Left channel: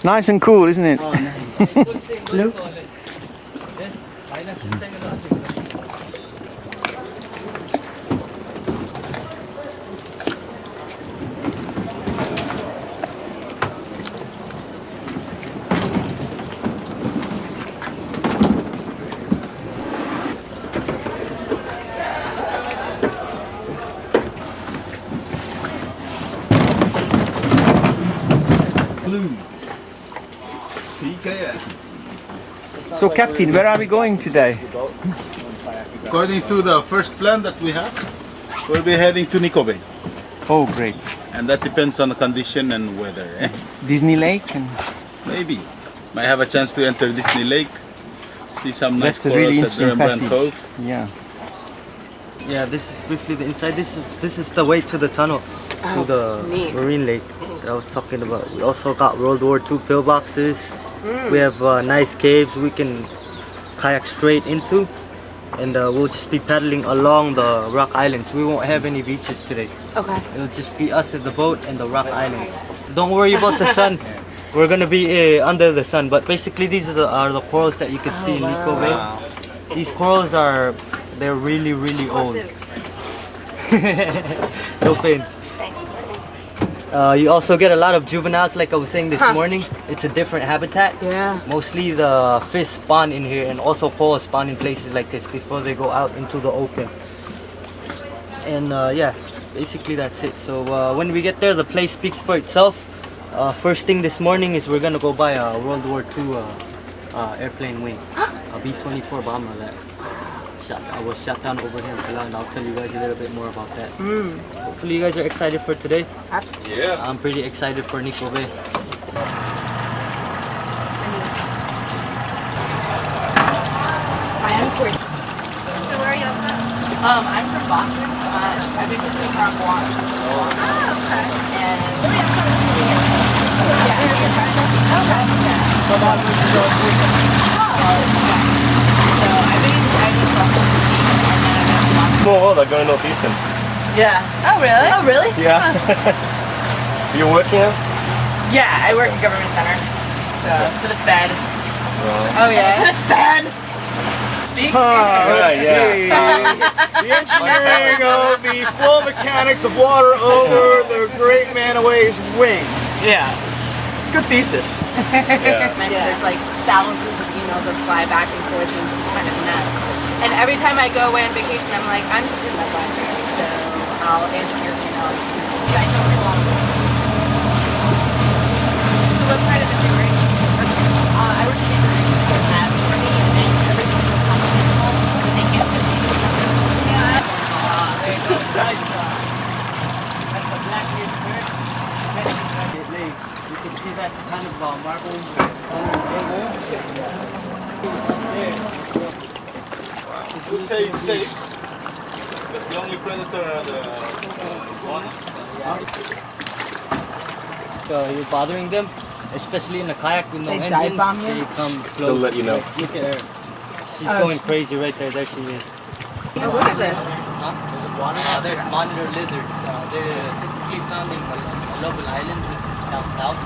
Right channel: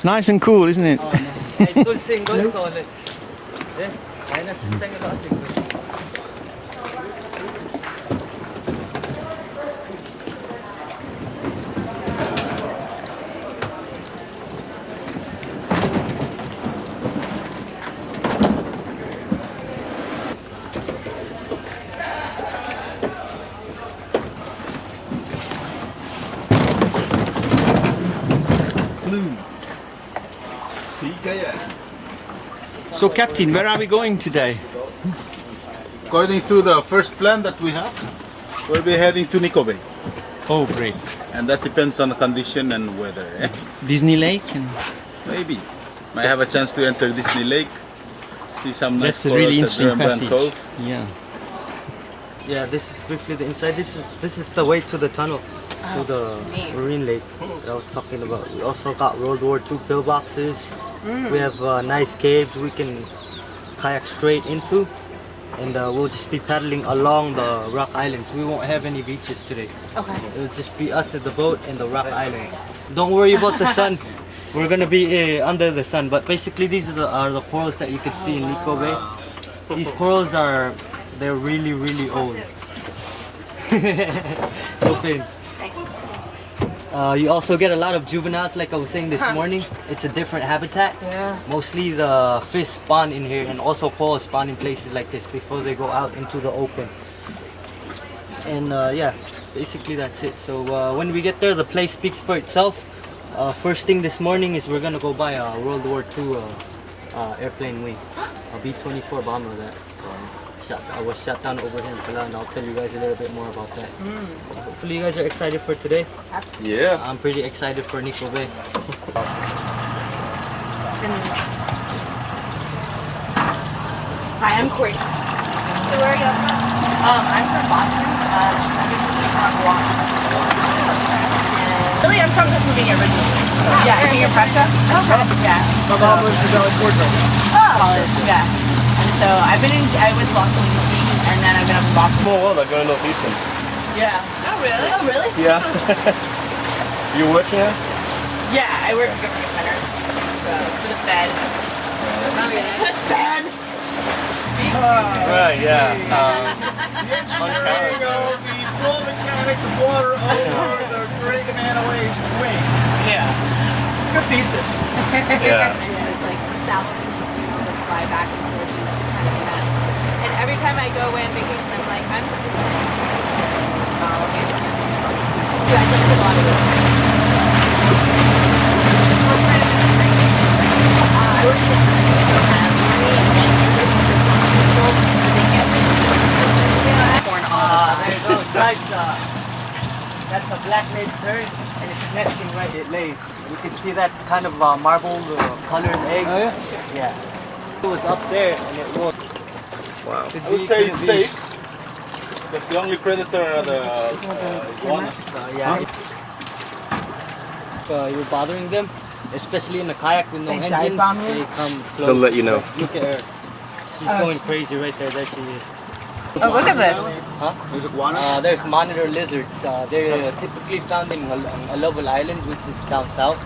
It's nice and cool, isn't it? Oh, nice. Idol single solid. Yeah, kaya na siya tayo na single. Blue. Sea kayaking. So, Captain, where are we going today? According to the first plan that we have, we'll be heading to Nikko Bay. Oh, great. And that depends on the condition and weather. Disney Lake? And Maybe. Might have a chance to enter Disney Lake, see some nice that's a corals really at the Rembrandt interesting Cove. passage. Yeah. Yeah, this is briefly the inside. This is the way to the tunnel, to the marine lake that I was talking about. We also got World War II pillboxes. We have nice caves we can kayak straight into, and we'll just be paddling along the rock islands. We won't have any beaches today. Okay. It'll just be us at the boat and the rock islands. Don't worry about the sun. We're gonna be under the sun. But basically, these are the corals that you can see in Nikko Bay. These corals they're really, really old. No fins. You also get a lot of juveniles, like I was saying this morning. It's a different habitat. Yeah. Mostly the fish spawn in here, and also corals spawn in places like this before they go out into the open. And yeah, basically that's it. So when we get there, the place speaks for itself. First thing this morning is we're gonna go buy a World War II airplane wing, a B-24 bomber that was shot down over here in Palau, and I'll tell you guys a little bit more about that. Hopefully you guys are excited for today. Yeah. I'm pretty excited for Nikko Bay. Hi, I'm Courtney. So where are you? I'm from Boston. I did the car walk. Really, I'm from the beginning. Yeah, you're fresh up? Yeah. Oh, yeah. So I was Boston and then I'm going to Boston. Small world, I go to Northeastern. Yeah. Oh, really? Oh, really? Yeah. You working now? Yeah, I work at Government Center. So, for the Fed. Right. Oh, yeah? The Fed! Speak. Right, yeah. The engineering of the flow mechanics of water over the great man-away's wing. Yeah. Good thesis. Yeah. There's like thousands of emails that fly back and forth and it's just kind of nuts. And every time I go away on vacation, I'm like, I'm sleeping on my face. So I'll answer your emails. Yeah, I know a lot. What kind of I would It lays. You can see that kind of marble colored egg. Oh, yeah? Yeah. It was up there and it walked. Let's say it's safe. Because the only predator are the walnuts. Yeah. So you're bothering them, especially in a kayak with no They dive engines. bomb you? They come close. They'll let you know. Look at her. She's Oh, going crazy right there. There she is. Oh, look at this. There's monitor lizards. They're typically found in Palau Island, which is down south.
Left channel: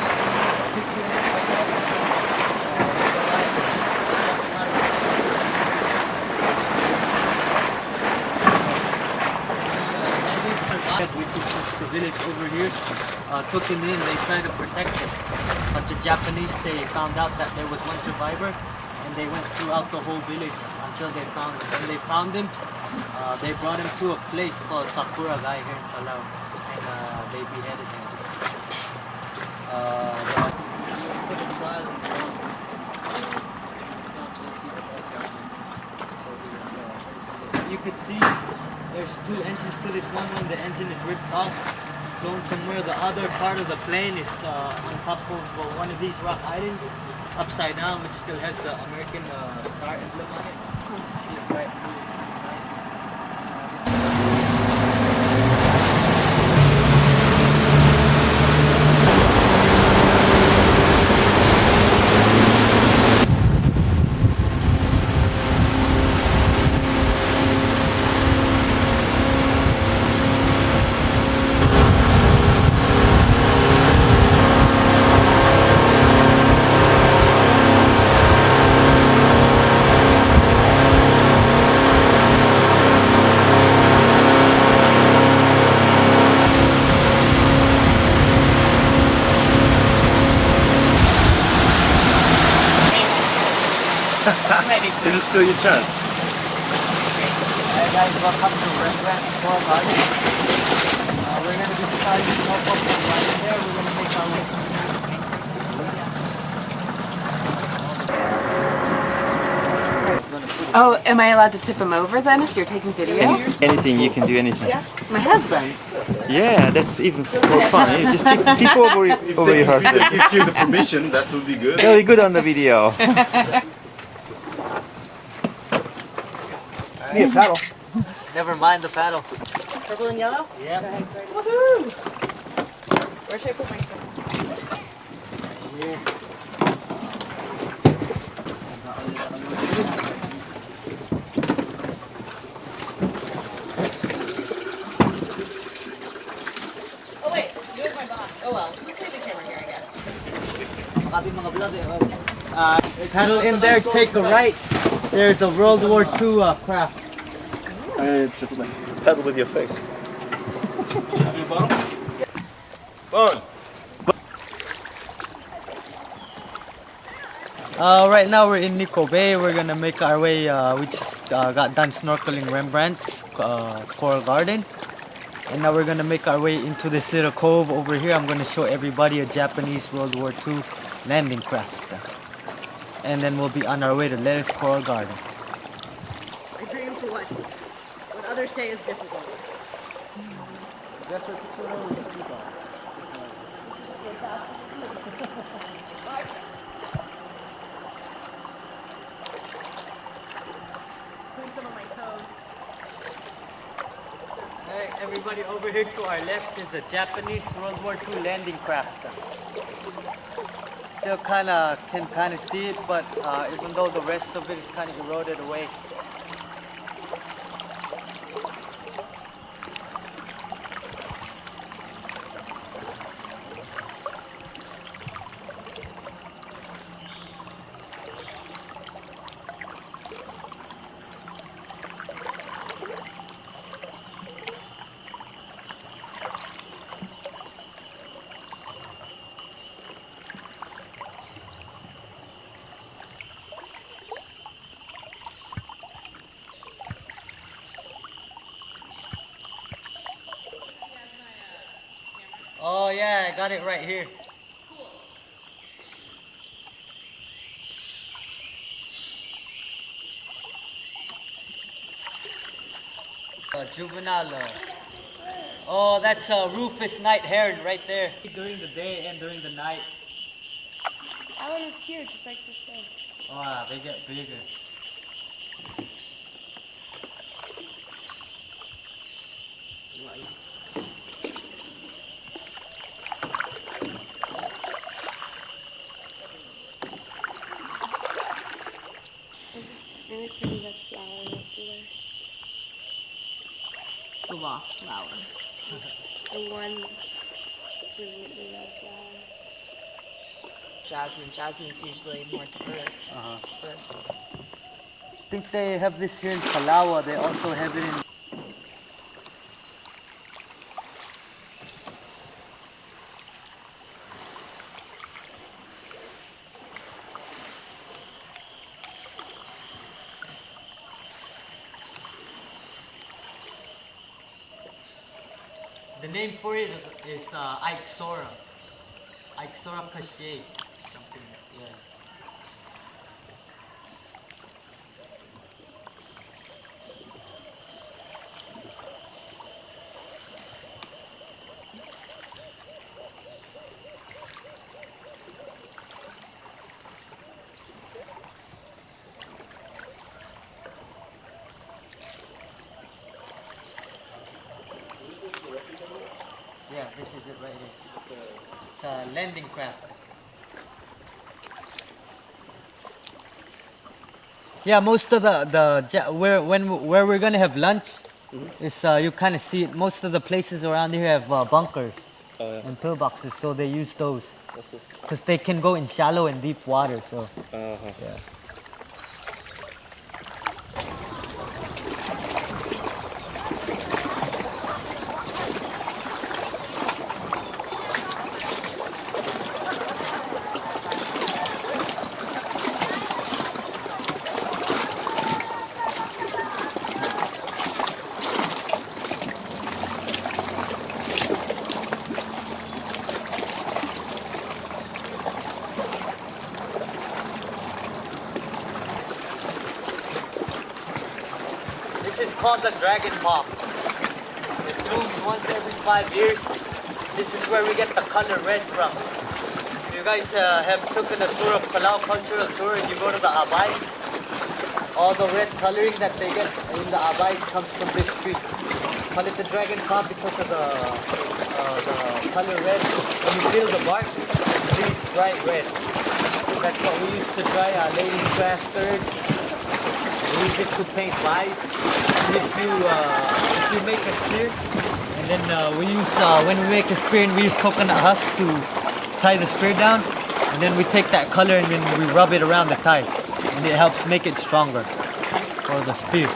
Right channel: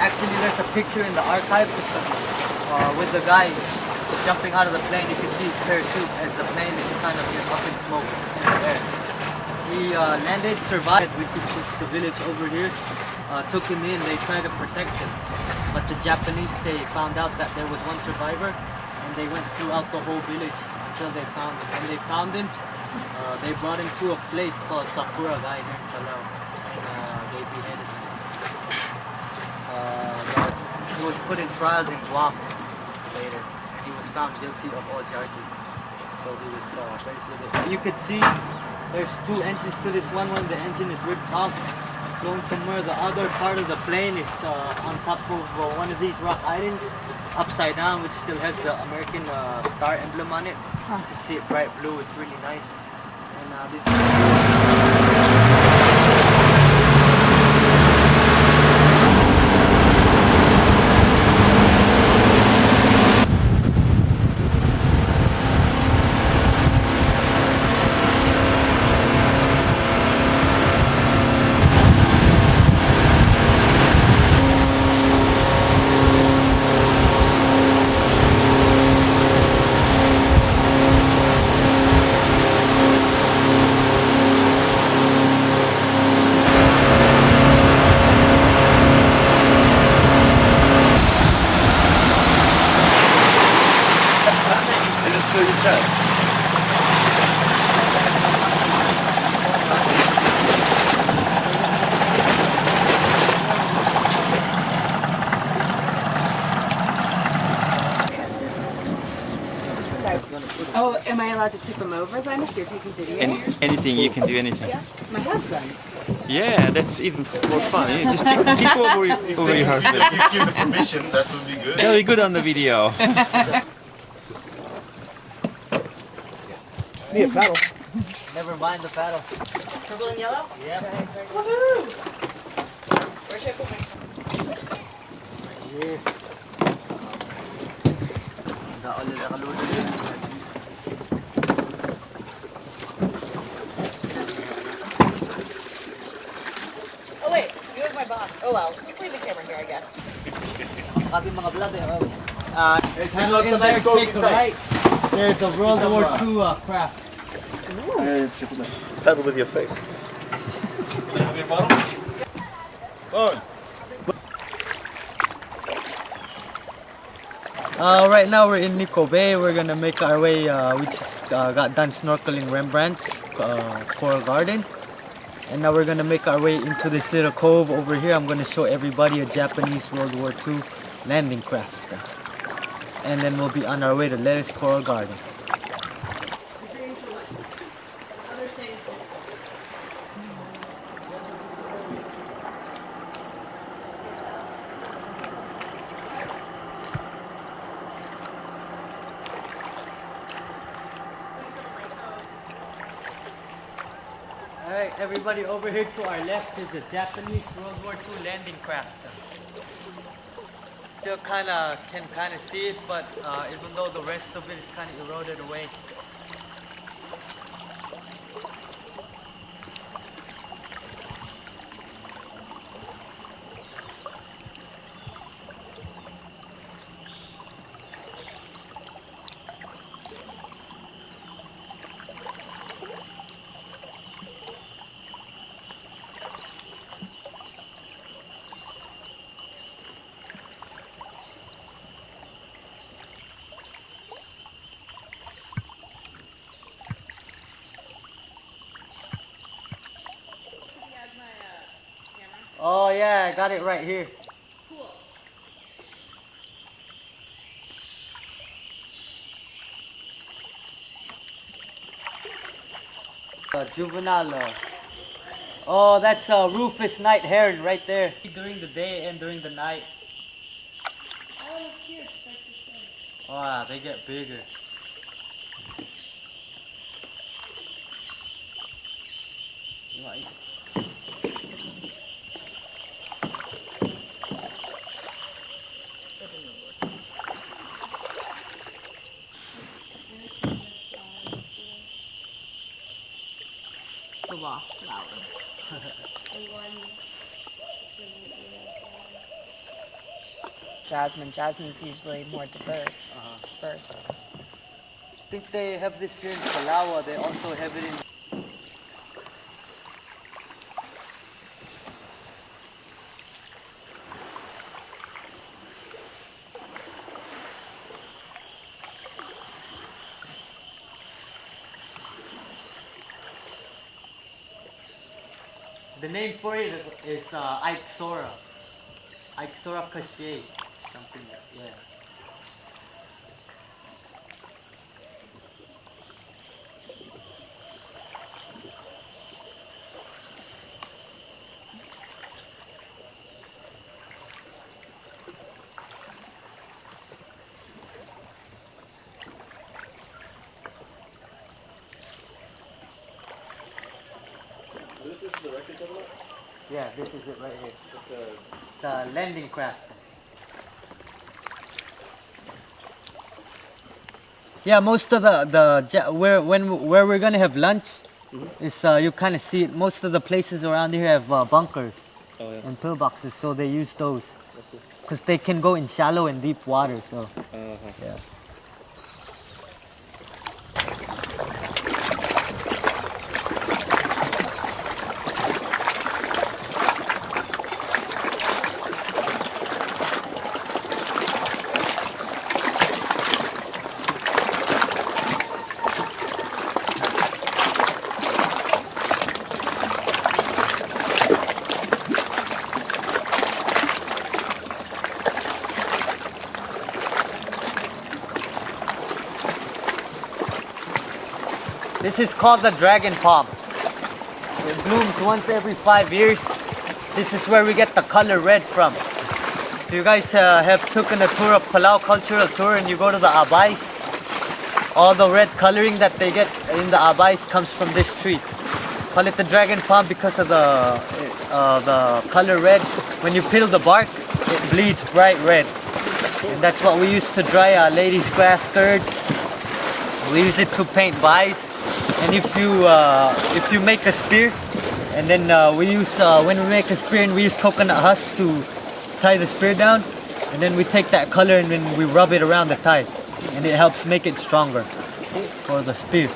Actually, there's a picture in the archive with the guy jumping out of the plane. You can see his parachute and the plane is kind of smoke there. And they survived, which is just the village over here. Took him in, they tried to protect him. But the Japanese, they found out that there was one survivor and they went throughout the whole village until they found him. When they found him, they brought him to a place called Sakura Guy here in Palau, and they beheaded him. He was put in trials in Guam, and he was found guilty of all charges. So he was faced with it. But you could see there's two engines to this one. The engine is ripped off, flown somewhere. The other part of the plane is on top of one of these rock islands, upside down, which still has the American star emblem on it. You can see it bright blue. It's really nice. And, this Oh, am I allowed to tip him over then if you're taking video? Anything, you can do anything. My husband's. Yeah, that's even. Just tip over if If they give you the permission, that would be good. Very good on the video. Need a paddle. Never mind the paddle. Purple and yellow? Yeah. Where should I put my sword? Here. Oh wait, you have my bond. Oh well, let's leave each other here, I guess. Makati mga vlog eh. Paddle in there, take a right. There's a World War II craft. Paddle with your face. Right now we're in Nikko Bay. We're gonna make our way. We just got done snorkeling Rembrandt's Coral Garden, and now we're gonna make our way into this little cove over here. I'm gonna show everybody a Japanese World War II landing craft, and then we'll be on our way to Lettuce Coral Garden. I dream for what others say is difficult. Alright, everybody, over here to our left is a Japanese World War II landing craft. You can kind of see it, but even though the rest of it is kind of eroded away. Oh yeah, I got it right here. Juvenile. Oh, that's a Rufus night heron right there. During the day and during the night. Oh, it's cute, just like this thing. Wow, they get bigger. You want- The lost flower. The one. Jasmine. Jasmine's usually more diverse. I think they have this here in Palau. They also have it in... The name for it is Ixora. Ixora Cachet. Something like that. Yeah, this is it right here. It's a landing craft. Yeah, most of where we're gonna have lunch is you kind of see it. Most of the places around here have bunkers and pillboxes, so they use those because they can go in shallow and deep water. So yeah. This is called the dragon palm. It blooms once every 5 years. This is where we get the color red from. If you guys have taken a tour of Palau cultural tour and you go to the abais, all the red coloring that they get in the abais comes from this tree. Call it the dragon palm because of the color red. When you peel the bark, it bleeds bright red. And that's what we use to dry our ladies' grass skirts. We use it to paint vines. And if you make a spear, and then we use when we make a spear, and we use coconut husk to tie the spear down, and then we take that color and then we rub it around the tie, and it helps make it stronger for the spear.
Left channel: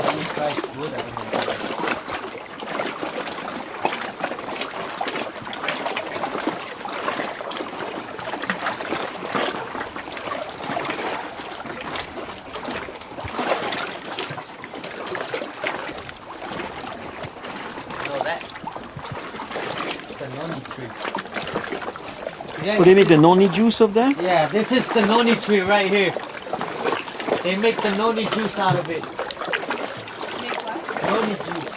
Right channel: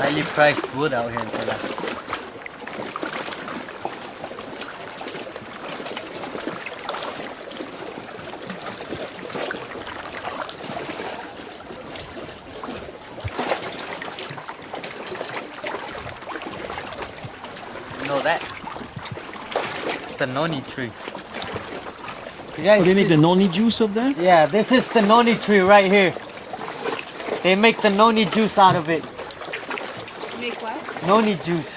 Highly priced wood out here in Palau. You know that? It's the noni tree. You guys, What do you make the noni juice of that? yeah, this is the noni tree right here. They make the noni juice out of it. Make what? Noni juice.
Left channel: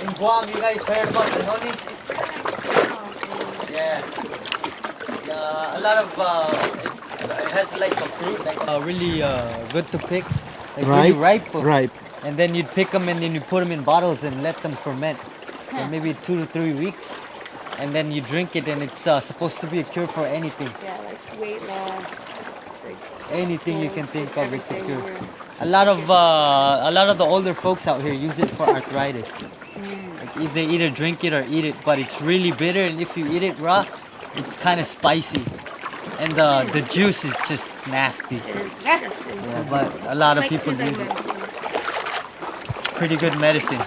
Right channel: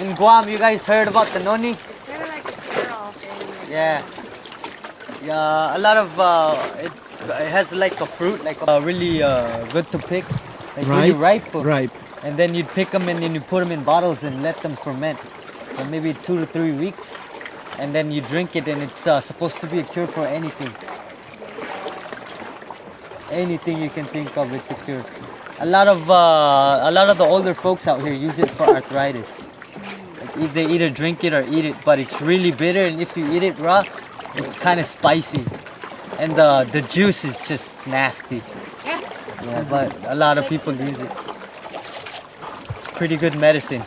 In Guam, you guys heard about the noni? It's sort of like a pearl thing. Yeah. A lot of it has like a fruit, like really good to pick, like really ripe. Ripe. And then you'd pick them and then you put them in bottles and let them ferment for maybe 2 to 3 weeks, and then you drink it, and it's supposed to be a cure for anything. Yeah, like weight loss. Anything you can think of, it's a cure. A lot of the older folks out here use it for arthritis. Like they either drink it or eat it, but it's really bitter, and if you eat it raw, it's kind of spicy, and the juice is just nasty. Yeah, but a lot of people use it. It's pretty good medicine.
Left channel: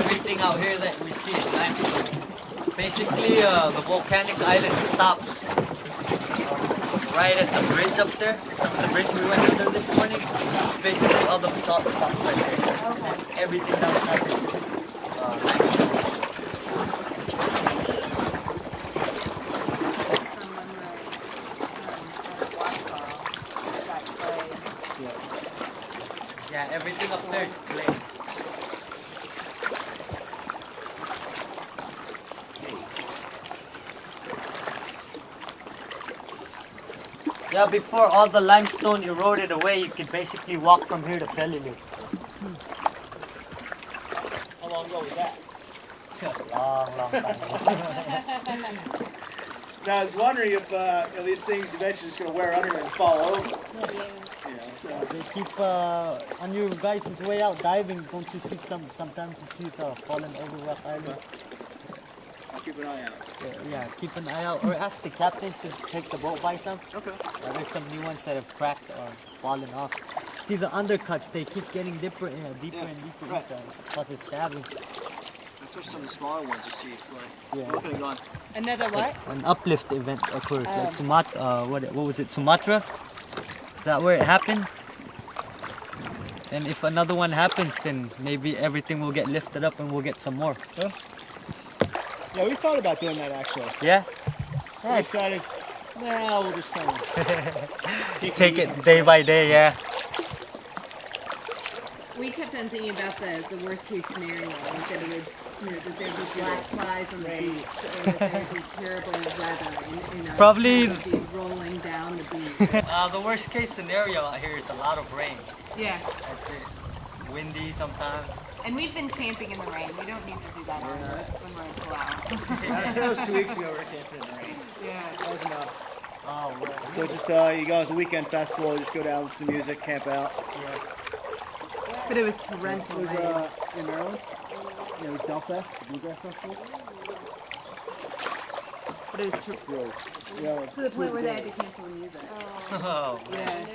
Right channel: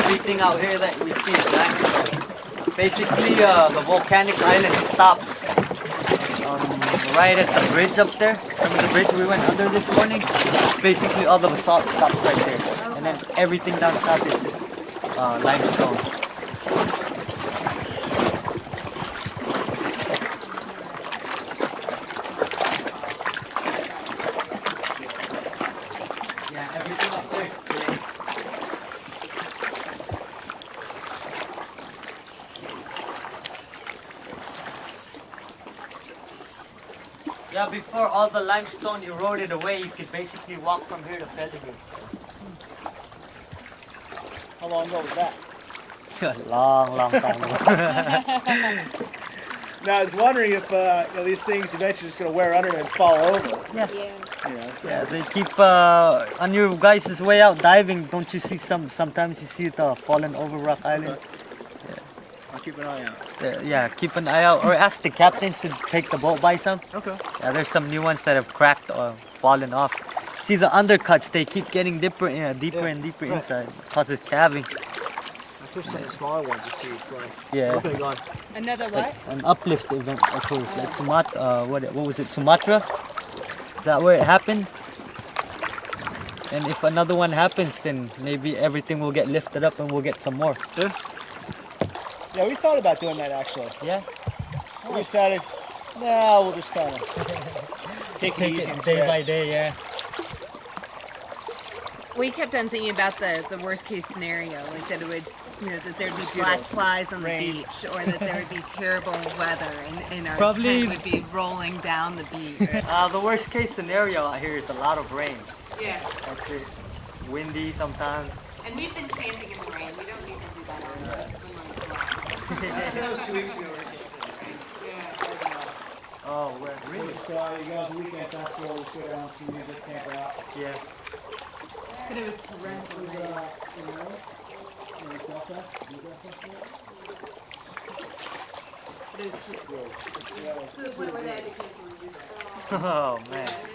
Everything out here that you see is limestone. Basically, the volcanic island stops right at the bridge up there. The bridge we went through this morning. Basically, all the salt stops right there. And everything outside is limestone. Yeah, everything up there is clay. Yeah, before all the limestone eroded away, you could basically walk from here to Peleliu. How long ago was that? long time ago. Now, I was wondering if these things eventually just going to wear under and fall over. Yeah, they keep on your guys' way out diving. Don't you see sometimes you see the fallen over rock islands? Keep an eye out. Yeah, keep an eye out, or ask the captains to take the boat by some. Okay. Yeah, there's some new ones that have cracked or fallen off. See the undercuts, they keep getting deeper and deeper inside. Causes calving. Especially the smaller ones you see, it's like Yeah. open run. Another what? An uplift event occurs, like Sumatra. What was it? Sumatra? Is that where it happened? And if another one happens, then maybe everything will get lifted up and we'll get some more. Yeah, we thought about doing that actually. Yeah. We decided, nah, we'll just kind of Take it day by day. Yeah. We kept on thinking about the worst case scenario, like that it would, that there'd be black flies on the beach, or that there would be terrible weather, and our Probably- tent would be rolling down the beach. The worst case scenario out here is a lot of rain. Yeah, That's it. Windy sometimes. and we've been camping in the rain. We don't need that So just you go as a weekend festival, just go down, listen to music, camp out. Yeah. But it was torrential It was rain. in Maryland. It was Delfest, Bluegrass Festival. But it was torrential. Yeah. To the point where they had to cancel the music. Oh man.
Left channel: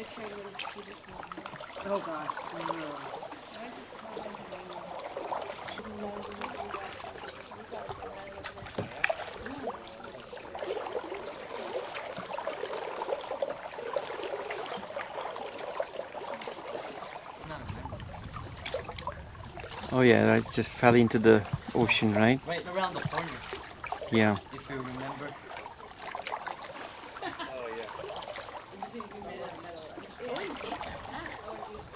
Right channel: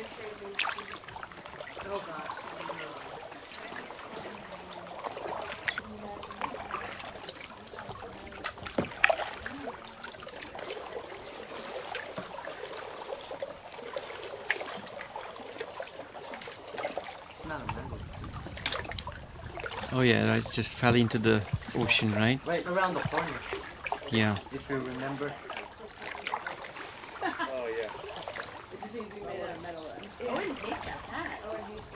Oh yeah, it just fell into the ocean, right? Right around the corner, Yeah. if you remember.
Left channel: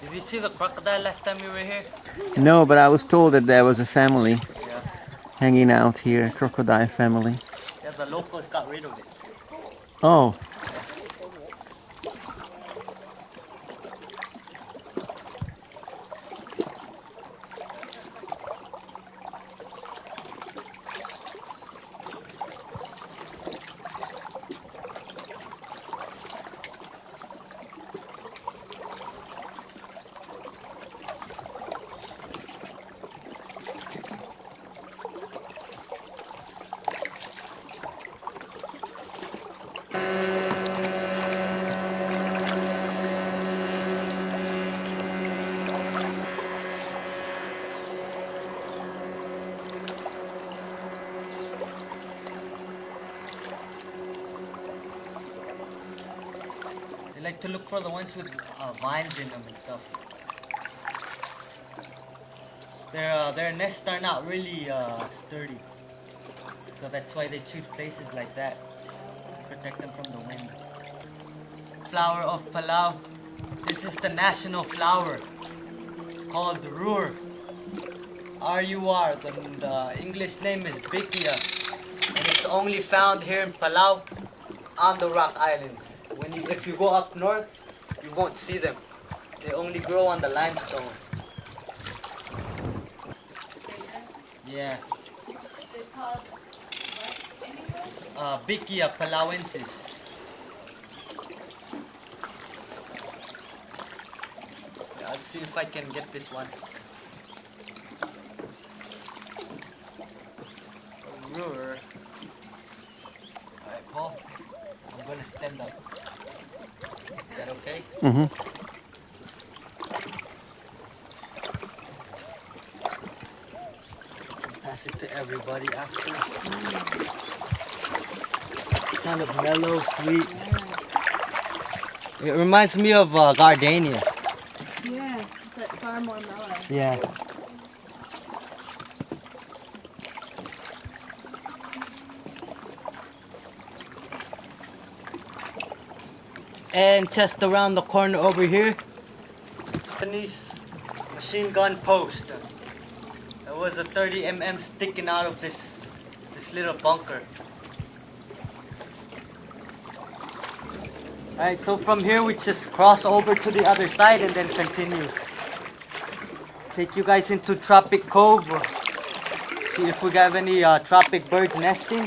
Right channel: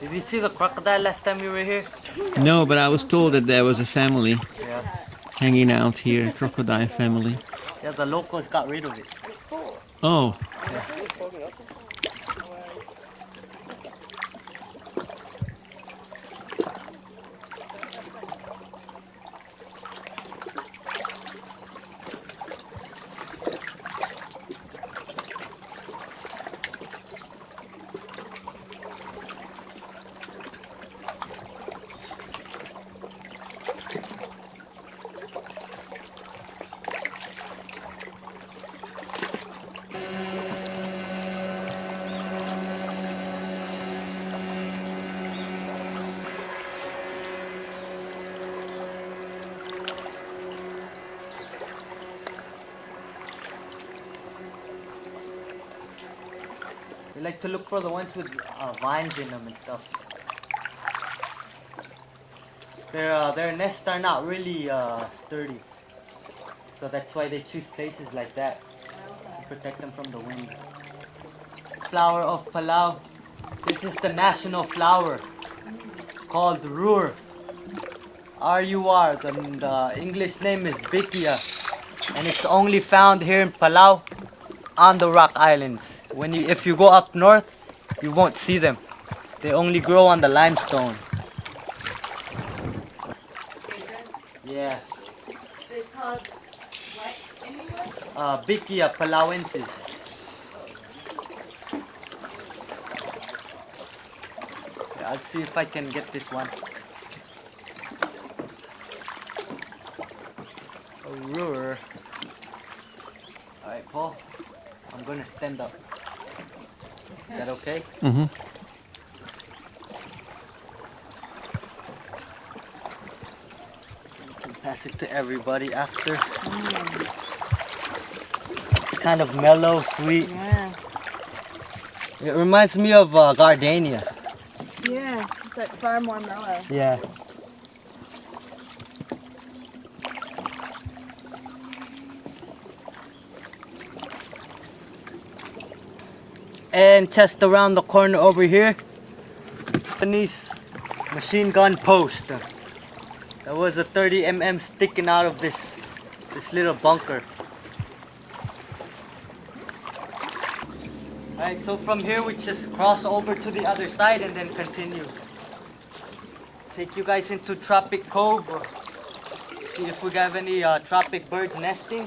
Did you see the crocodile last time you were here? No, but I was told that there was a family hanging out here, a crocodile family. Yeah, the locals got rid of it. Oh. They like to look for the ones with vines in them and stuff. Their nests are not really sturdy, so that's why they choose places like that to protect them from the wind. Flower of Palau. This is the national flower. It's called Rur. R-U-R. The English name is Bikia, and it's only found here in Palau on the Rock Islands. If you go up north, you won't see them. They only grow on the limestone. Yeah. It's called what in English? Bikia palauensis. I'll see if I can get this one. Alright, Paul. I'm gonna stand up. Is that okay? Mm-hmm. Pass it to everybody after. It's kind of mellow, sweet. Yeah. It reminds me of gardenia. Yeah, but far more mellow. Yeah. And just around the corner over here, Japanese machine gun post. There was a 30mm sticking out of this little bunker. Alright, so from here we just cross over to the other side and then continue. Take you guys into Tropic Cove. See if we have any tropic birds nesting.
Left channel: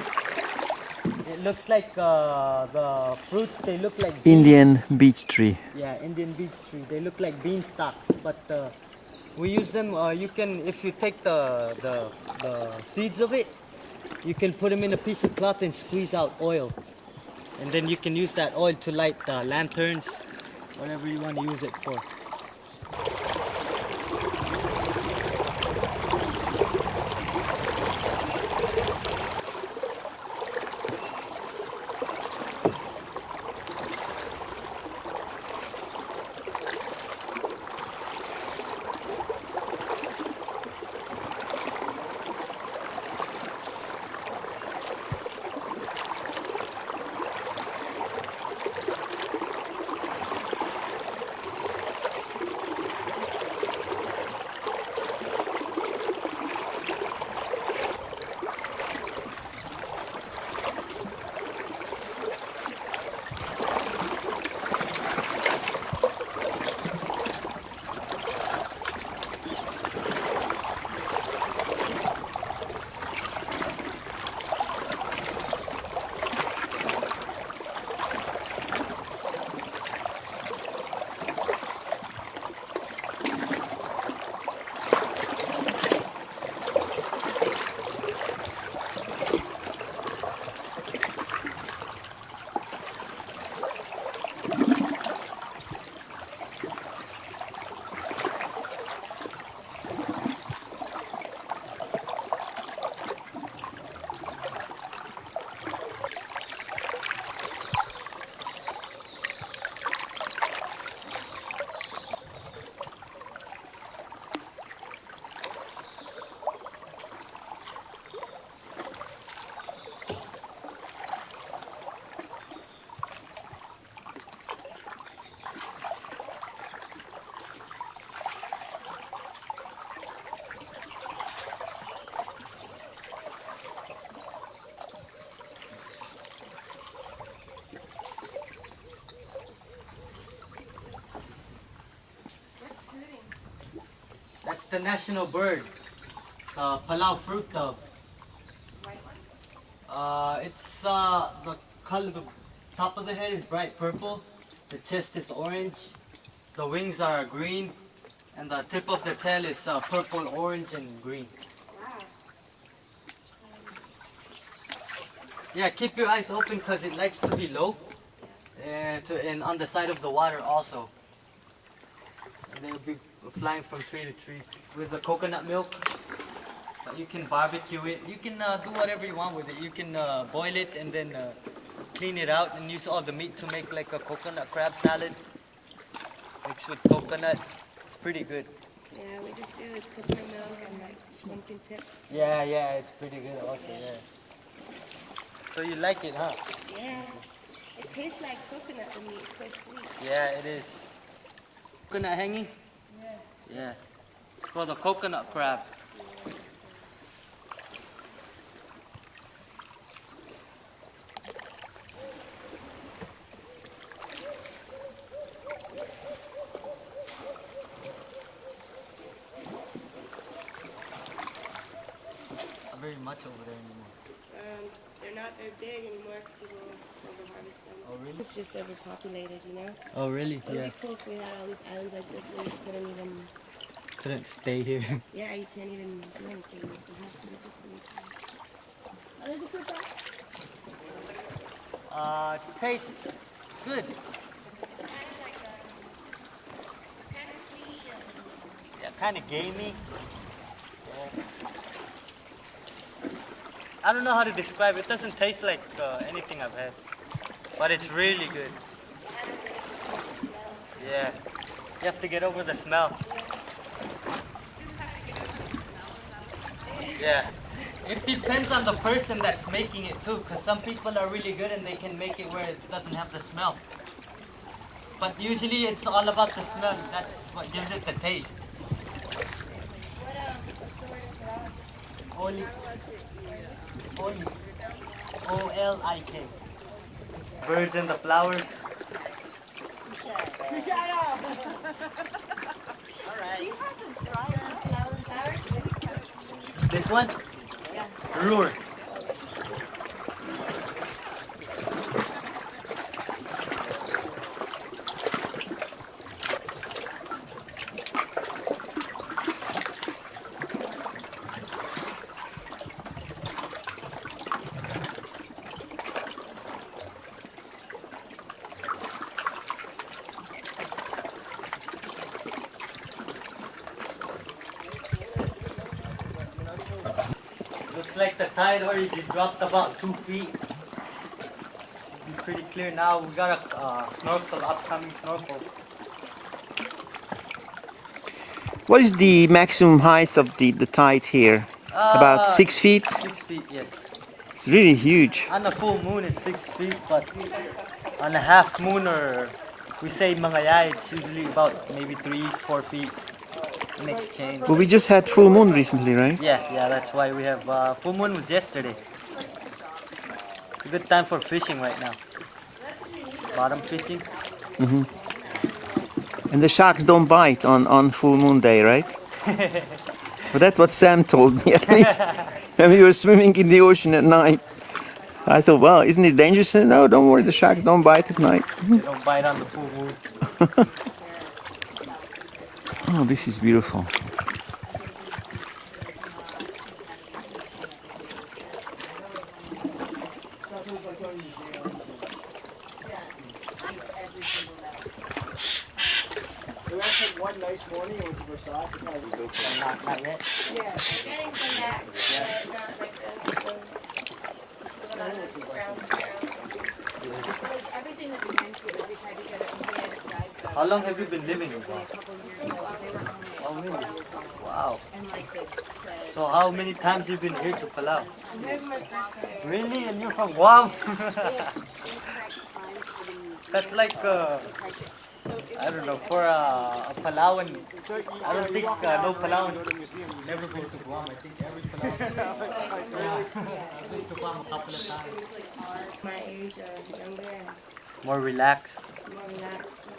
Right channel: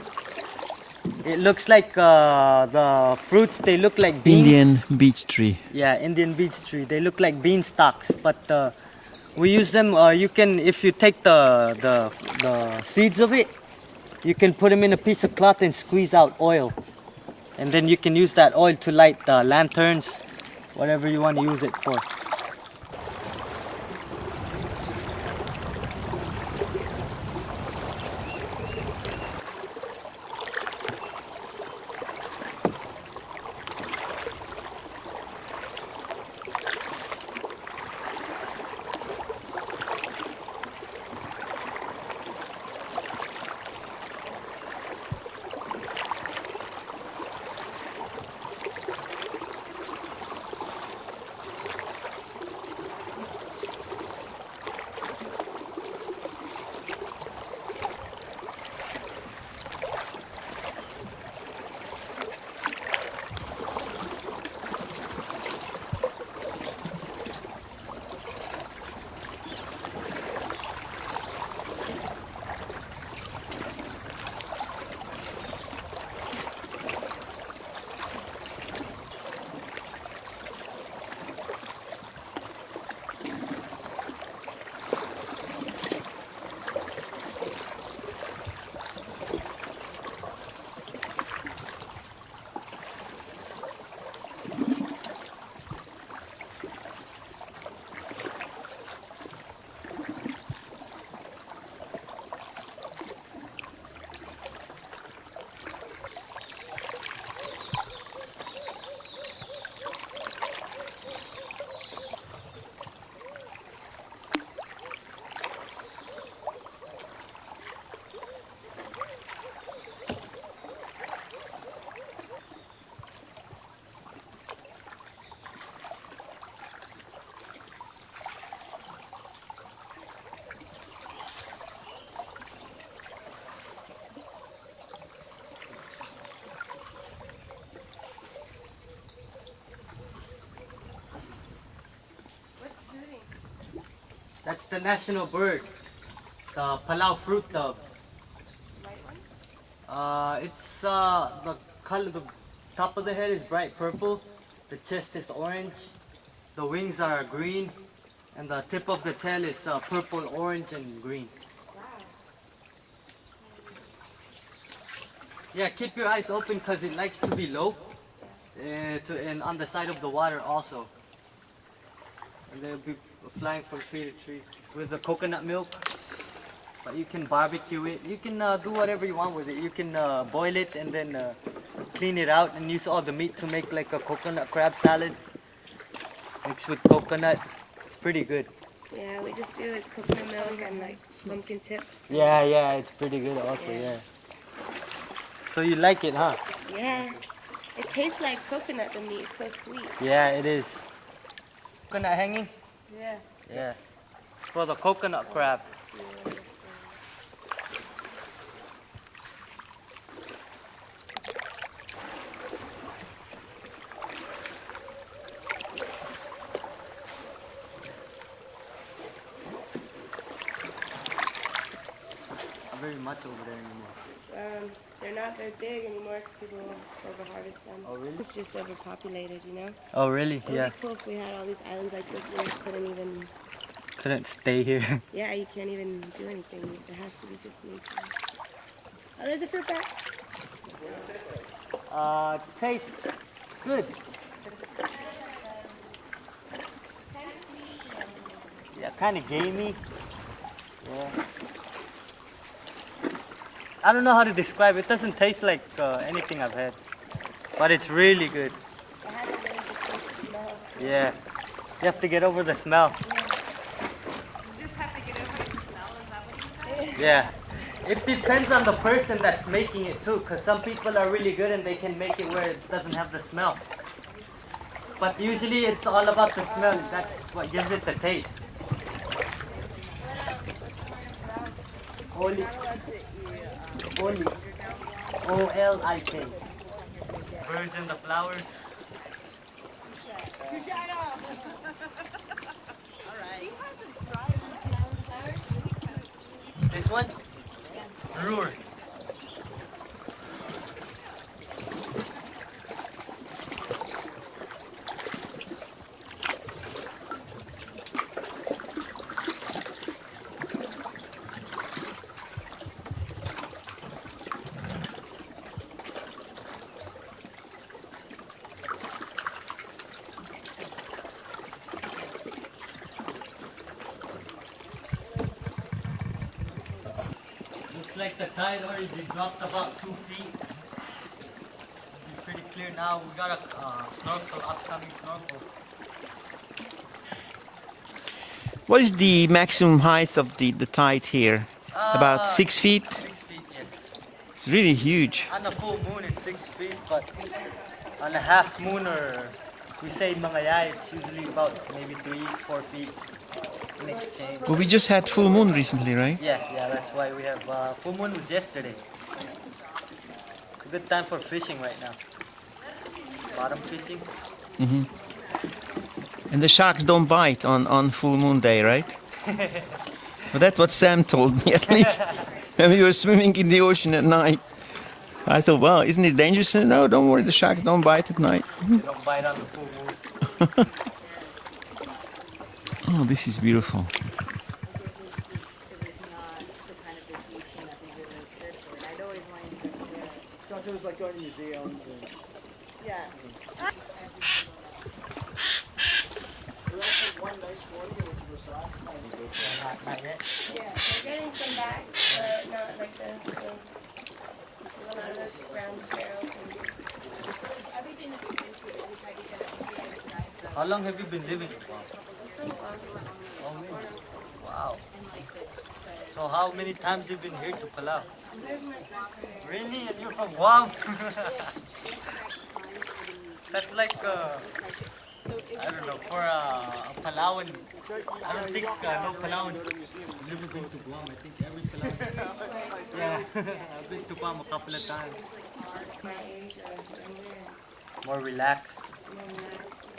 It looks like the fruits, they look like beans. Indian beech tree. Yeah, Indian beech tree. They look like bean stalks, but we use them. You can, if you take the seeds of it, you can put them in a piece of cloth and squeeze out oil, and then you can use that oil to light lanterns, whatever you want to use it for. That's the national bird, the Palau fruit dove. It's the color, the top of the head is bright purple, the chest is orange, the wings are green, and the tip of the tail is purple, orange, and green. Yeah, keep your eyes open because it likes to be low, and on the side of the water also. And they'll be flying from tree to tree with the coconut milk. But you can barbecue it. You can do whatever you want with it. You can boil it and then clean it out and use all the meat to make like a coconut crab salad mixed with coconut. It's pretty good. Yeah, we just do like coconut milk and like pumpkin chips. Yeah, it's pretty good also, yeah. So you like it, huh? Yeah. It tastes like coconut to me. It's so sweet. Yeah, it is. Coconut hanging? Yeah. Yeah. For the coconut crab. Very much over there anymore. They're not very big anymore. They're the hardest one. Oh really? It's just overpopulated, you know? Oh really? It would be cool if we had all these islands like this where we Couldn't stay here. yeah, you can't even do anything. There has to be just nature. Oh, there's a fruit bat. It tastes good. Yeah, kind of gamey. I don't know how to describe it. It doesn't taste like anything I've had. But it's really good. Yeah. You have to get over the smell. Yeah. It depends on the person that's making it too, because some people are really good and they can make it where it doesn't have the smell. But usually it's all about the smell. That's what gives it the taste. Oli. O-L-I-K. Birds and the flowers. This one? Yeah. Roar. Looks like the tide already dropped about 2 feet. It's pretty clear now. We got a snorkel, upcoming snorkel. What is the maximum height of the tide here? About 6 feet? 6 feet, yes. It's really huge. On a full moon it's 6 feet, but on a half moon or we say mga yaya, it's usually about maybe 3-4 feet in exchange. Well, we just had full moon recently, right? Yeah, that's why we have full moon was yesterday. It's a good time for fishing right now. Bottom fishing. Mm-hmm. And the sharks don't bite on full moon day, right? But that's what Sam told me at least. And we were swimming in the ocean at night. I thought, well, isn't it dangerous? He said, no, don't worry, the sharks don't bite at night. Don't bite on the full moon. Oh, this is beautiful. Because it was like going to museums. We want to take one nice morning and massage and probably go for Not yet. Yeah, we're getting some back, but not like this. A lot of those brown sparrows. Like everything that we went to, we tried to get it dried. How long have you been living here? Oh, really? Wow. So how many times have you been here to Palau? Here's my first time. Really? And you're from Guam? That's like, I don't know, for a Palauan, I don't think no Palauans never been to Guam. I think every Palauan, yeah, I've been to Guam a couple of times. My age or younger. More relaxed, More relaxed.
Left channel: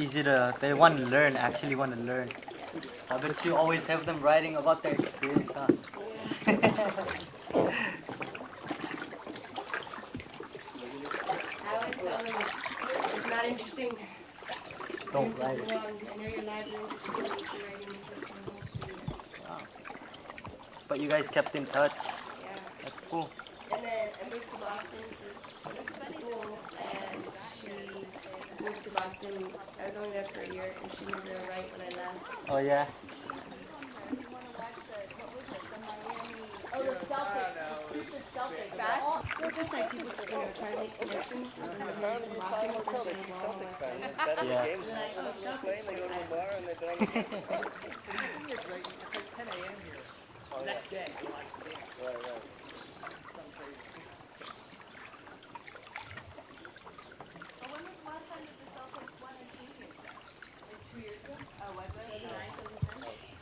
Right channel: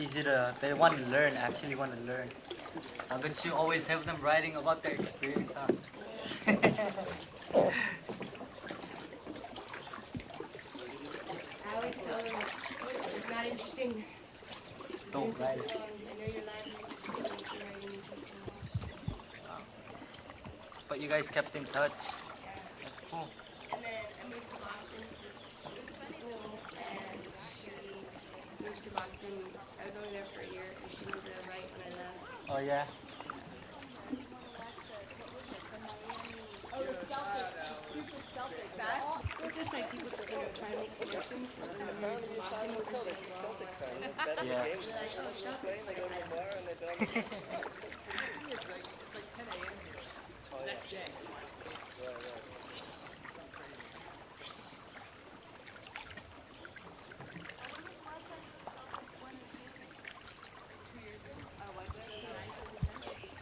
easy to, they want to learn, actually want to learn. I bet you always have them writing about their experience, huh? I always tell them it's not interesting. Don't write it. And you're in library. But you guys kept in touch. Cool. And then I moved to Boston for school, and she moved to Boston. I was only there for a year, and she moved there right when Oh yeah?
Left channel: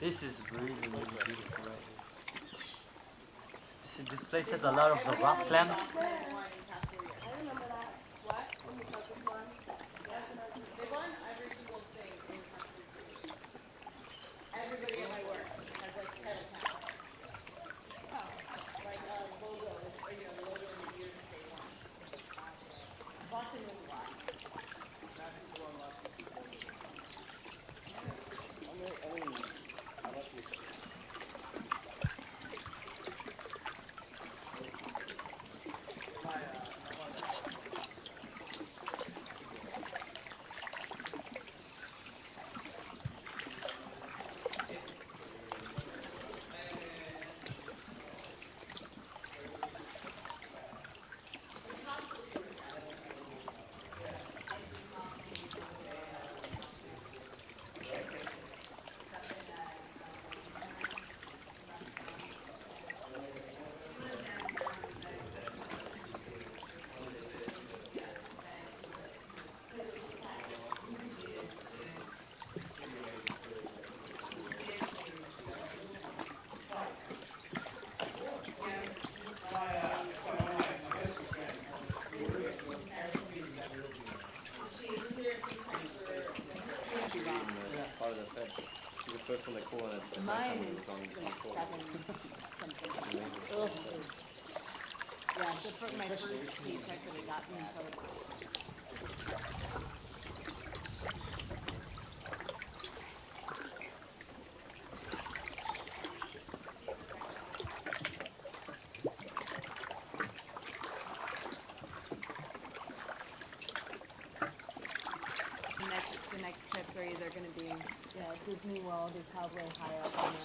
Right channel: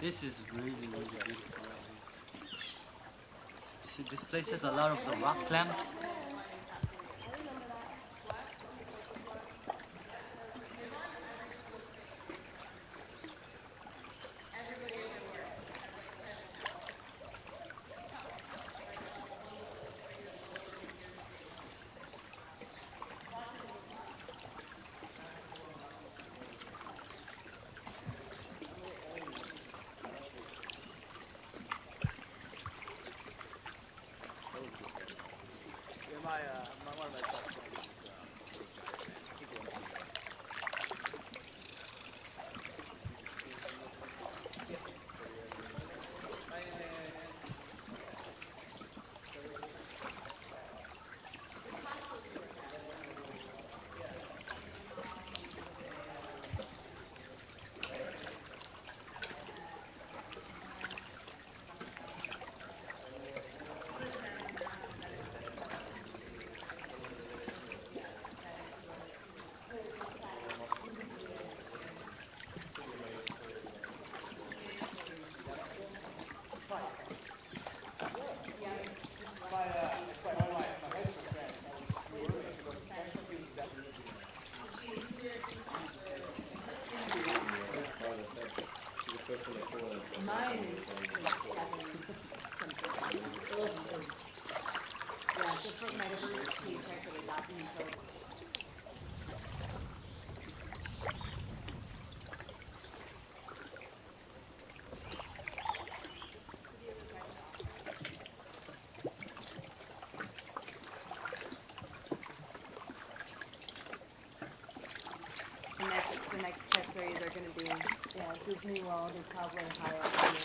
This is really, really beautiful. See, this place has a lot of the rock clams. Mine is like 7 something. Yeah, just for my first paycheck that I got until the next trips are either going to be Disney World is probably high up on the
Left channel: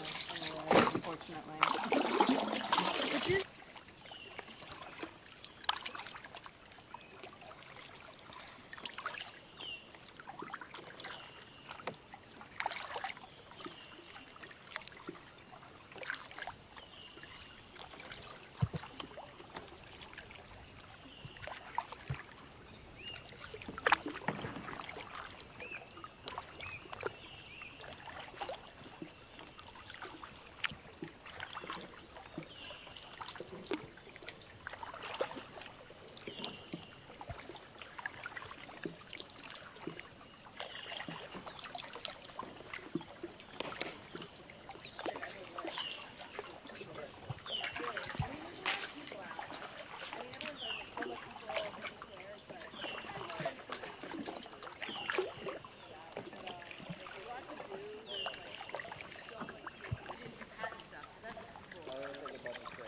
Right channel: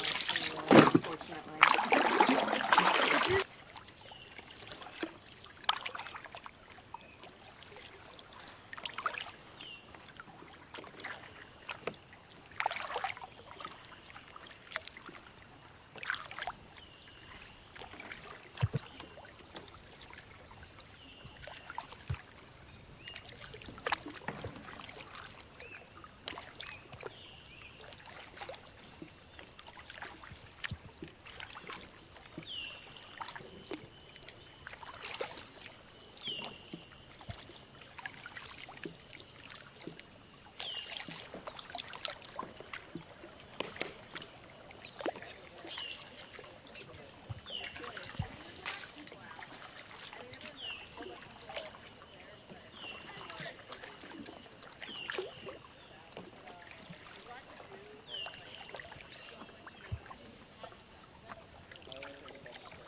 list, unfortunately.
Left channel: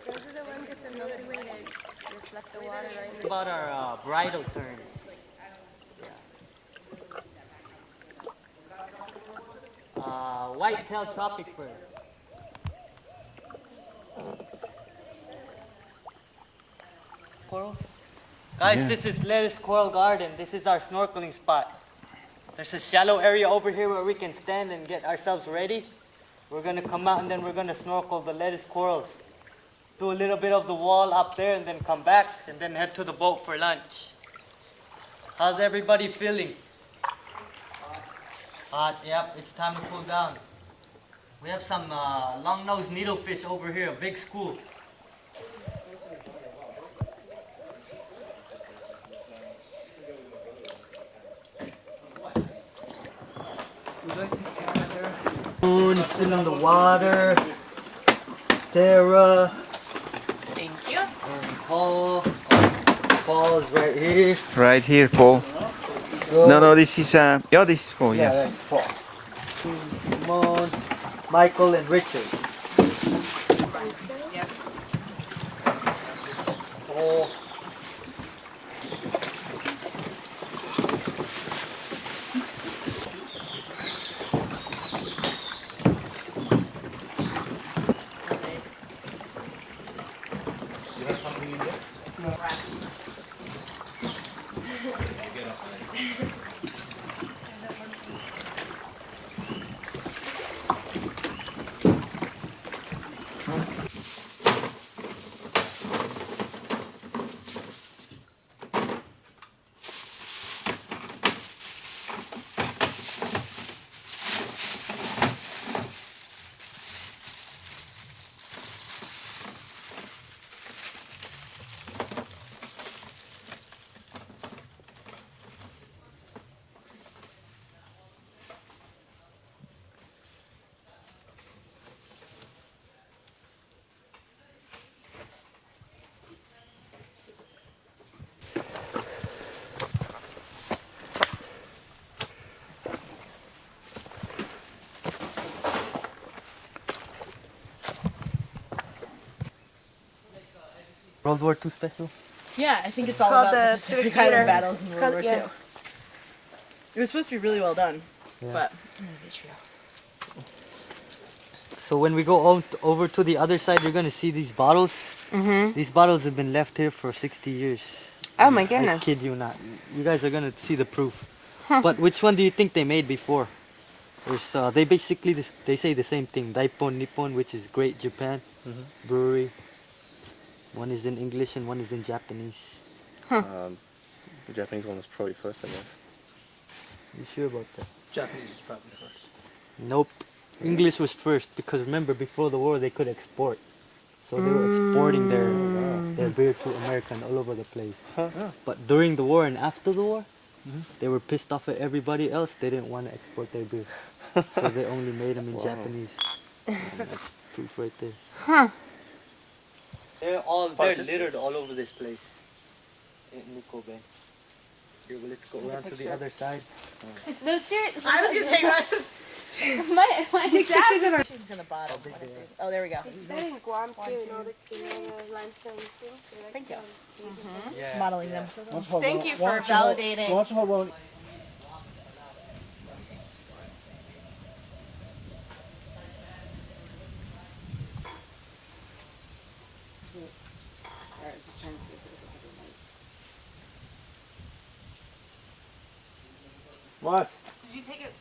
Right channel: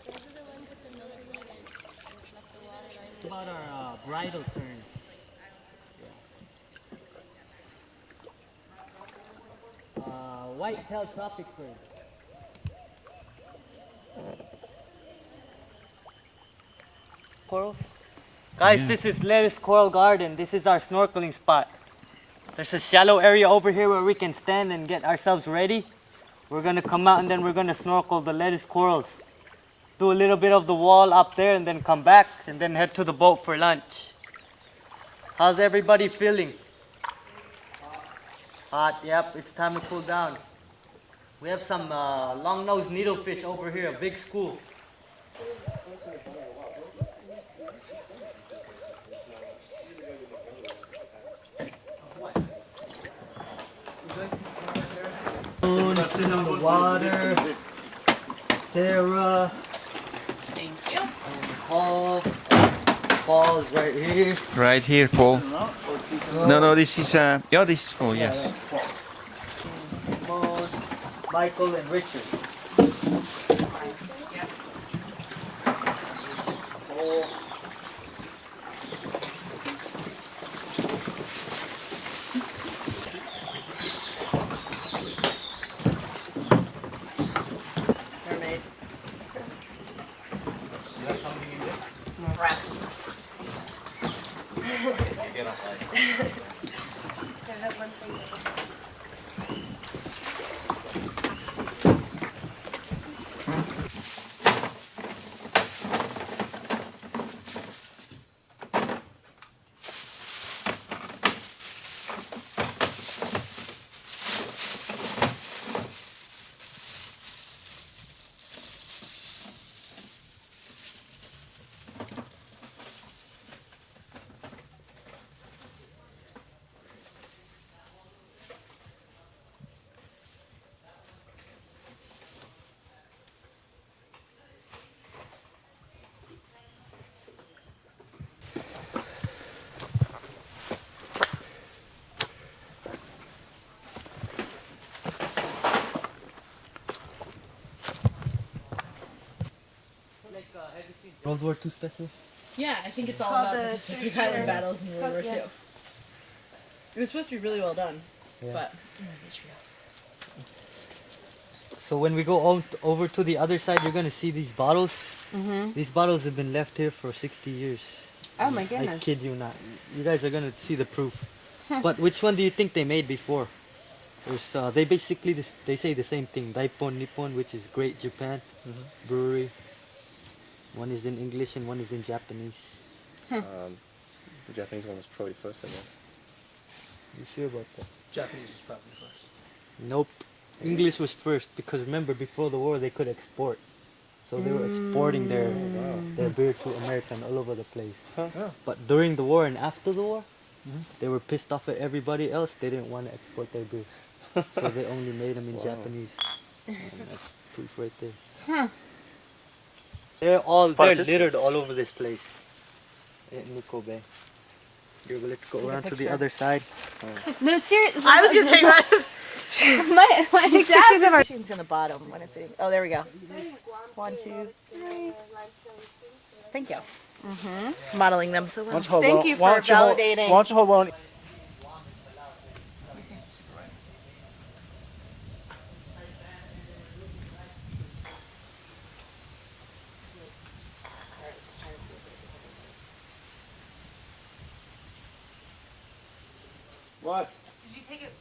Those are the ones with the Milky Way that reflect the water right in the About our bridal turn. White-tailed tropic bird. Coral? Guys, this is Lettuce Coral Garden. This is our snorkeling spot. There's a shallow area over here where we can stand and get ourselves ready. We're gonna come out and then we're gonna snorkel the lettuce corals. Do a little bit of the wall up there and then come back and then head to the boat for lunch. How's everybody feeling? Hot, yep, it's time to cool down. We have some long-nosed needlefish over here, a big school. Moon still in the water. Tara Thank you. and Paul. Paul is right here. Right here, Paul. So, No, this is yeah, this is Paul. yeah, Yes. that's Paul. Moon, Michael, and Richard. Yeah. That's Paul. Mermaid. You have something in there? Rat. You get up like. World War II special. Yeah, I think it's all called about the the Pacific Pacific Island Theater. battles in It's World War called- II. yeah. It was supposed to be really well done, Yeah. but So when we go over to the other side, you're gonna see these bottles. Mm-hmm. These bottles have been left here for 60 years. Oh my I goodness. kid you not. You guys are gonna see the proof. But which one do you think they made before? There's, they basically they say the same thing. Daipon Nippon, which is Great Japan Brewery. One is in English and one is in Japanese. The Japanese one was probably first, I guess. You sure about that? Japanese was probably first. Nope. English was first because remember before the war they could export. So they were exporting their beer to America and all over the place. But during the war and after the war, they were pissed off at everybody else. They didn't want to export their beer. So they only made them in Japanese. And that's proof right there. They're littered all over this place. In Nikko Bay. Here, let's go around to the other side. No, seriously. I was gonna take one. my Take dad- pictures of our. It's in the bottom. Oh, there we go. Thank you. Modeling them so well. Thank you for validating. Why don't you hold one? Sorry, I was just trying to see if there's a couple lights. What? Did you take it?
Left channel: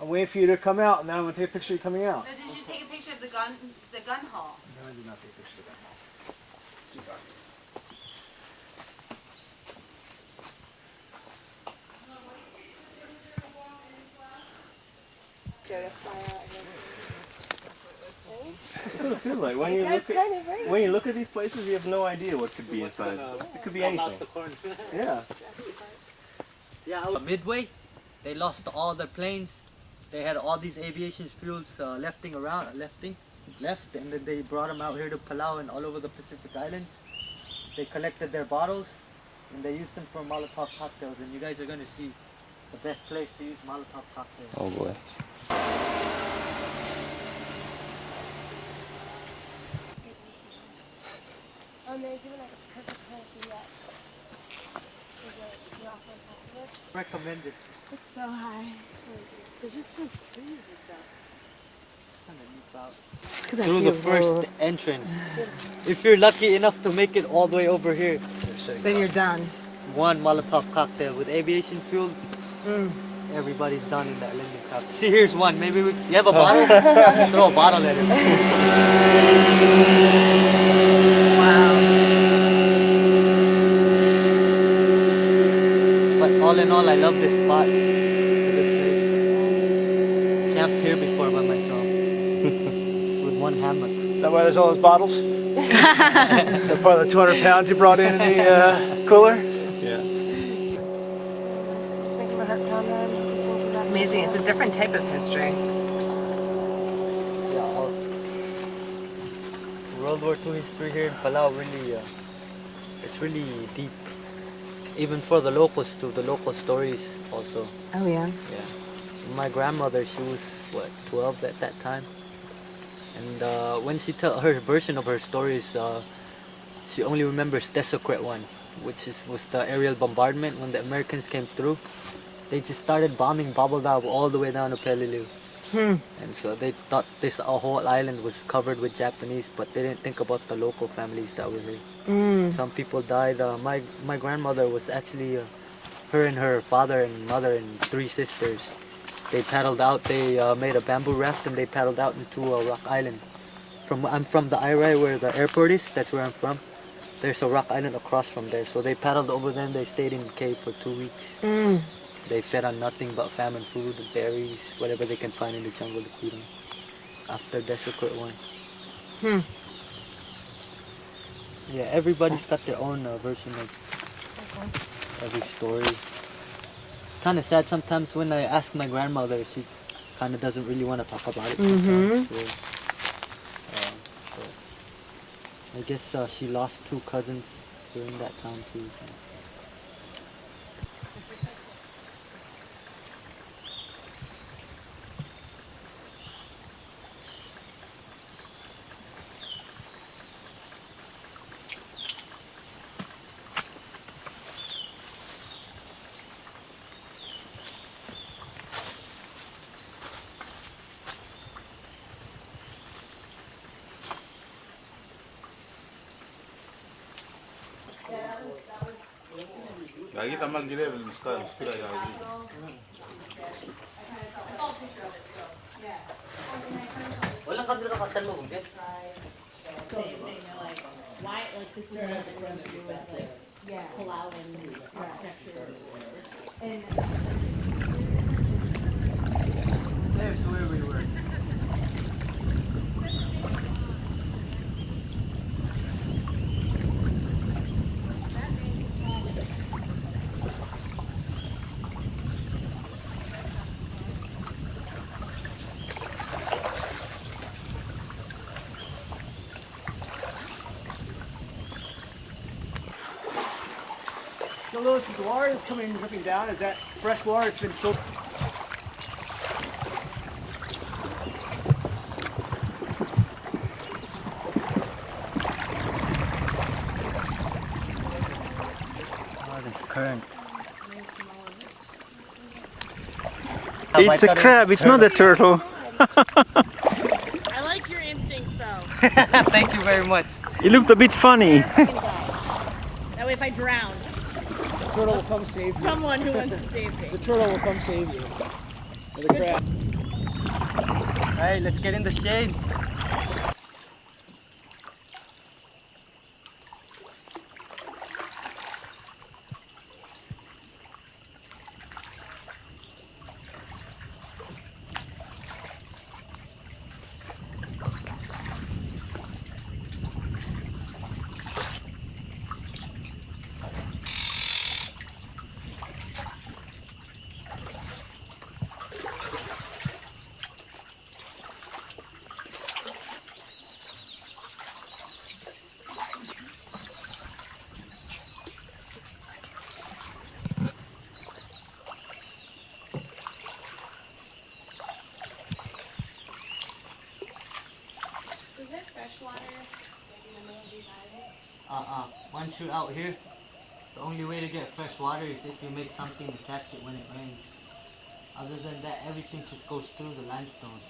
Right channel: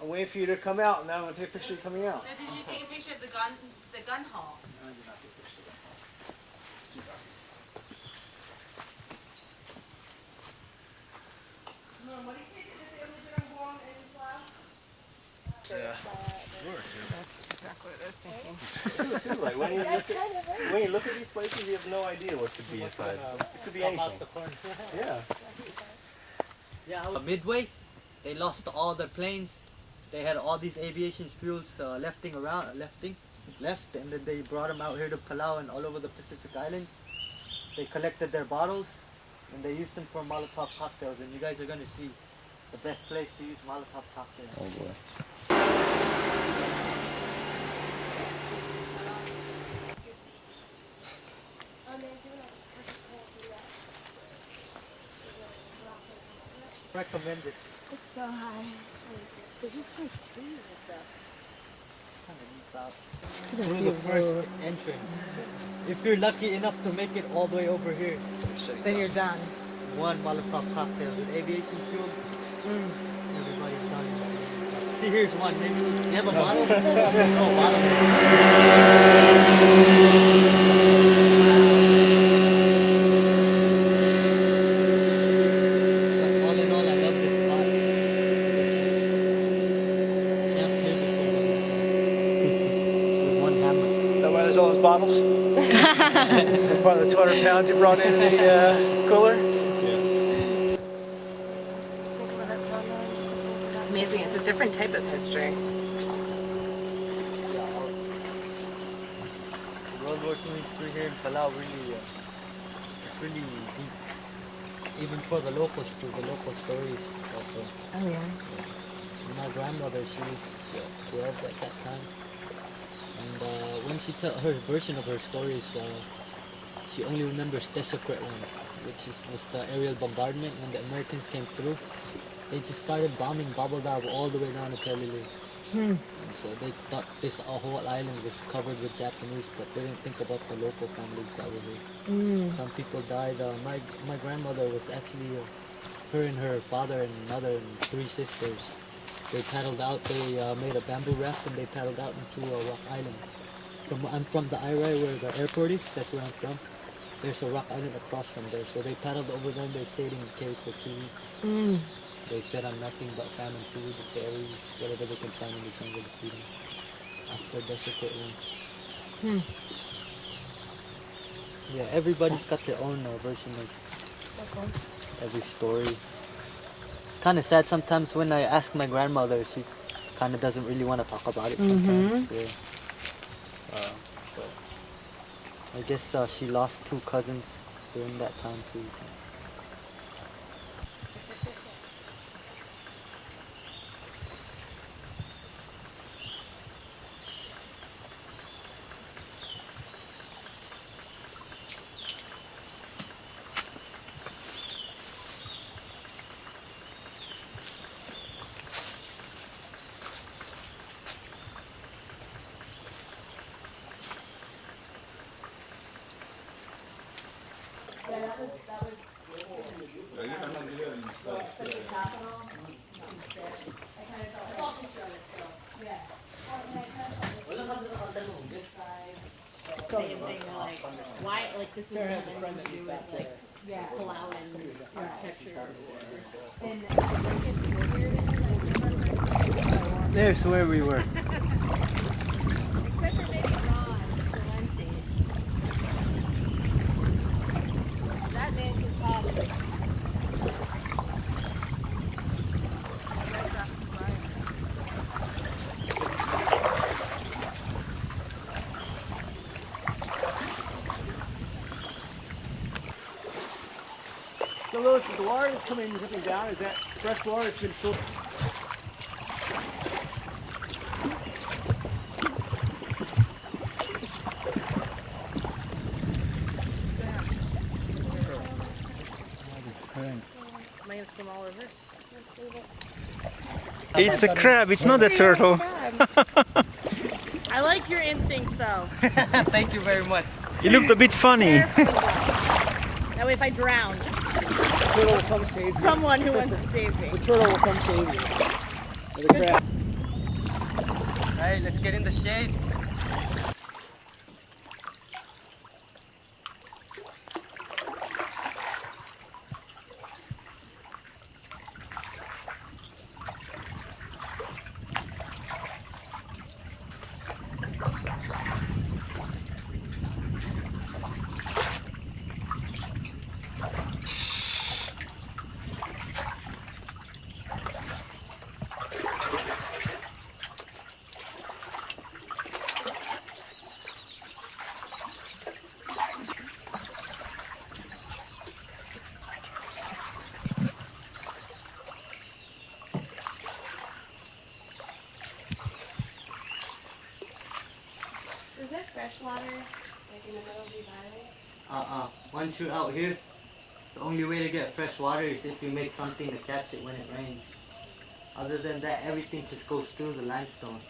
I'll wait for you to come out, and then I'm gonna take a picture of you coming out. No, did you take a picture of the gun hall? That's what it feels like. When you look at these places, you have no idea what could be inside. It could be anything. Yeah. Midway, they lost all their planes. They had all these aviation fuels left, and then they brought them out here to Palau and all over the Pacific Islands. They collected their bottles and they used them for Molotov cocktails. And you guys are gonna see the best place to use Molotov cocktails. Oh boy. Recommended. It's so high. There's just too much trees and stuff. Kind of neat out. Through the first entrance. If you're lucky enough to make it all the way over here, Then you're done. one Molotov cocktail with aviation fuel. Everybody's done in that little cup. See, here's one. Maybe you have a bottle? Throw a bottle in. But all in all, I love this spot. Camped here before by myself. Just with one hammock. Is that why there's all those bottles? Is that part of the 200 pounds you brought in the cooler? Yeah. Amazing. It's a different different type of history. World War II history here in Palau really, it's really deep. Even for the locals too, the local stories also. Oh yeah. Yeah. My grandmother, she was what, 12 at that time, and when she tell her version of her stories, she only remembers the secret one, which was the aerial bombardment when the Americans came through. They just started bombing Babaldao all the way down to Peleliu. And so they thought this whole island was covered with Japanese, but they didn't think about the local families that were here. Some people died. My grandmother was actually, her and her father and mother and 3 sisters. They paddled out. They made a bamboo raft and they paddled out into a rock island. I'm from the Irai where the airport is. That's where I'm from. There's a rock island across from there. So they paddled over there and they stayed in the cave for 2 weeks. They fed on nothing but famine food, berries, whatever they can find in the jungle to feed them. After the secret one. Yeah, everybody's got their own version of every story. It's kind of sad sometimes when I ask my grandmother, she kind of doesn't really want to talk about it sometimes. Yeah. But I guess she lost 2 cousins during that time too. So. Lagi tambah gila dengan style ya. Same thing. They're like, why? Like this is nothing to do with like Palau and architecture. And There's where we were. So Lewis, is the water that's coming and dripping down, is that fresh water that's been filtered? Oh, this current. It's a crab, it's not a turtle. I like your instincts though. Thank you very much. You looked a bit funny. That way if I drown, The turtle will come save you. someone who wants to save me. The turtle will come save you. Or the crab. Alright, let's get in the shade. Is there fresh water like in the middle of these islands? Once you're out here, the only way to get fresh water is if you make something to catch it when it rains. Other than that, everything just goes through the limestone.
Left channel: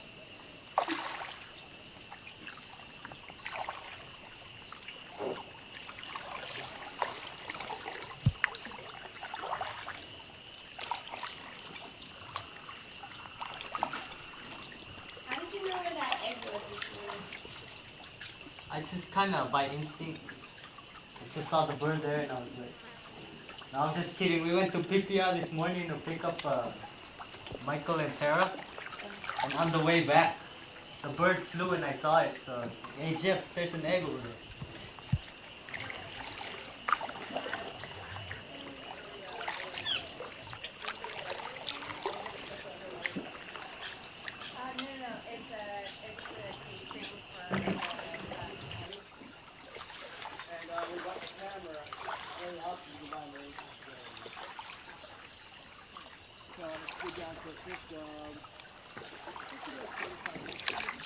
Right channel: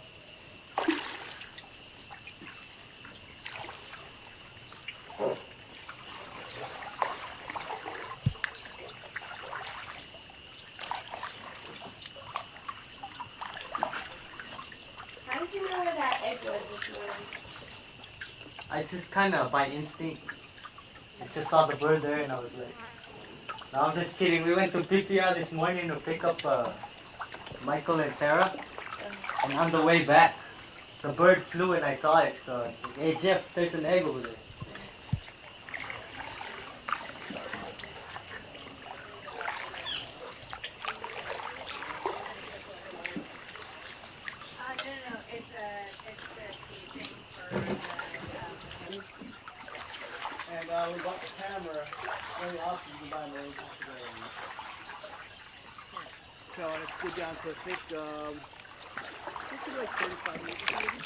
How did you know where that egg was this morning? I just kind of by instinct, I just saw the bird there and I was like, no, I'm just kidding. We went to PPR this morning to pick up Michael and Tara, and on the way back, the bird flew and I saw it. So, hey Jeff, there's an egg over there. go down to, I think, like 35 minutes maybe.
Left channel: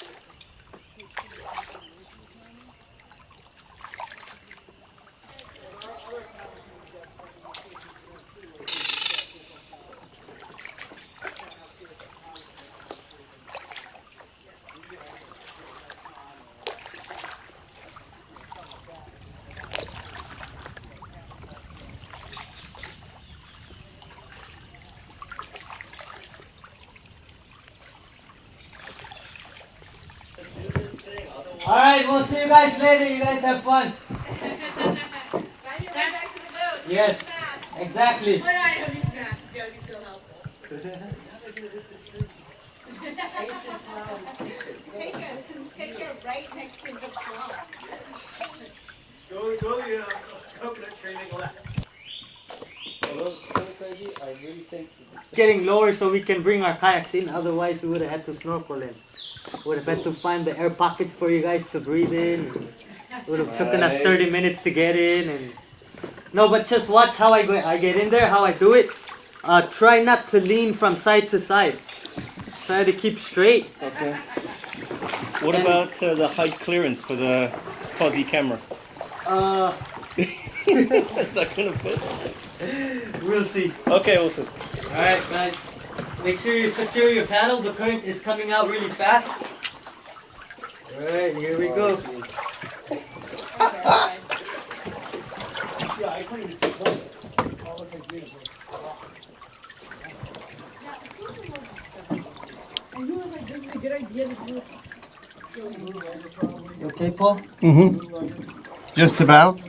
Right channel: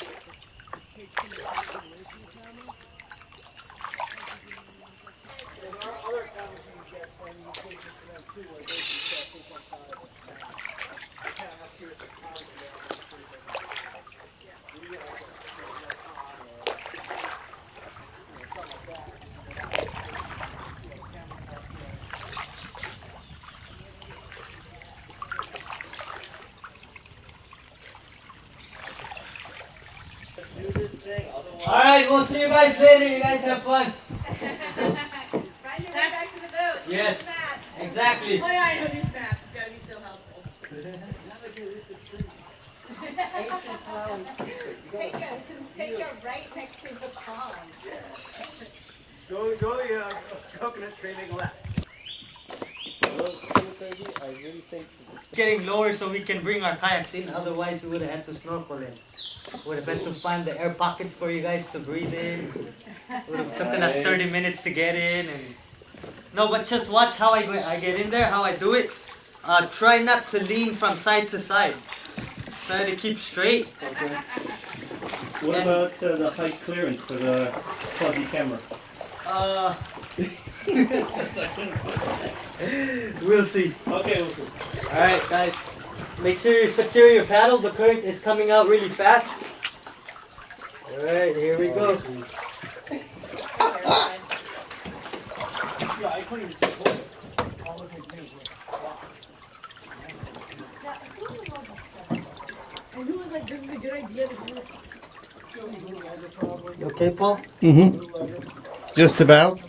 Alright, we'll see you guys later. You guys have fun. Ride your way back to the boat. Yes, exactly. What I know these maps is gotta be so helpful. Take a right next to the pond. Go the coconut tree and go left. Although it's kind of crazy, I really think that this It's getting lower so we can bring our kayaks in. Otherwise, we would have had to snorkel in. Would have had to find the air pockets for you guys to breathe in. Would have taken us 30 minutes to get in. And... No, but just watch how I get in there, how I do it. Try not to lean from side to side. Try to keep straight. Okay. What about the height clearance for the fuzzy camera? Is that gonna fit? We'll see. Okay, we'll see. Alright, guys. Make sure you secure your paddle. The current is coming out really fast. Alright, here we go. Yeah, I couldn't even see that. All the things needed were I really like this is a good idea to do. You okay, Paul? Mm-hmm. Just about.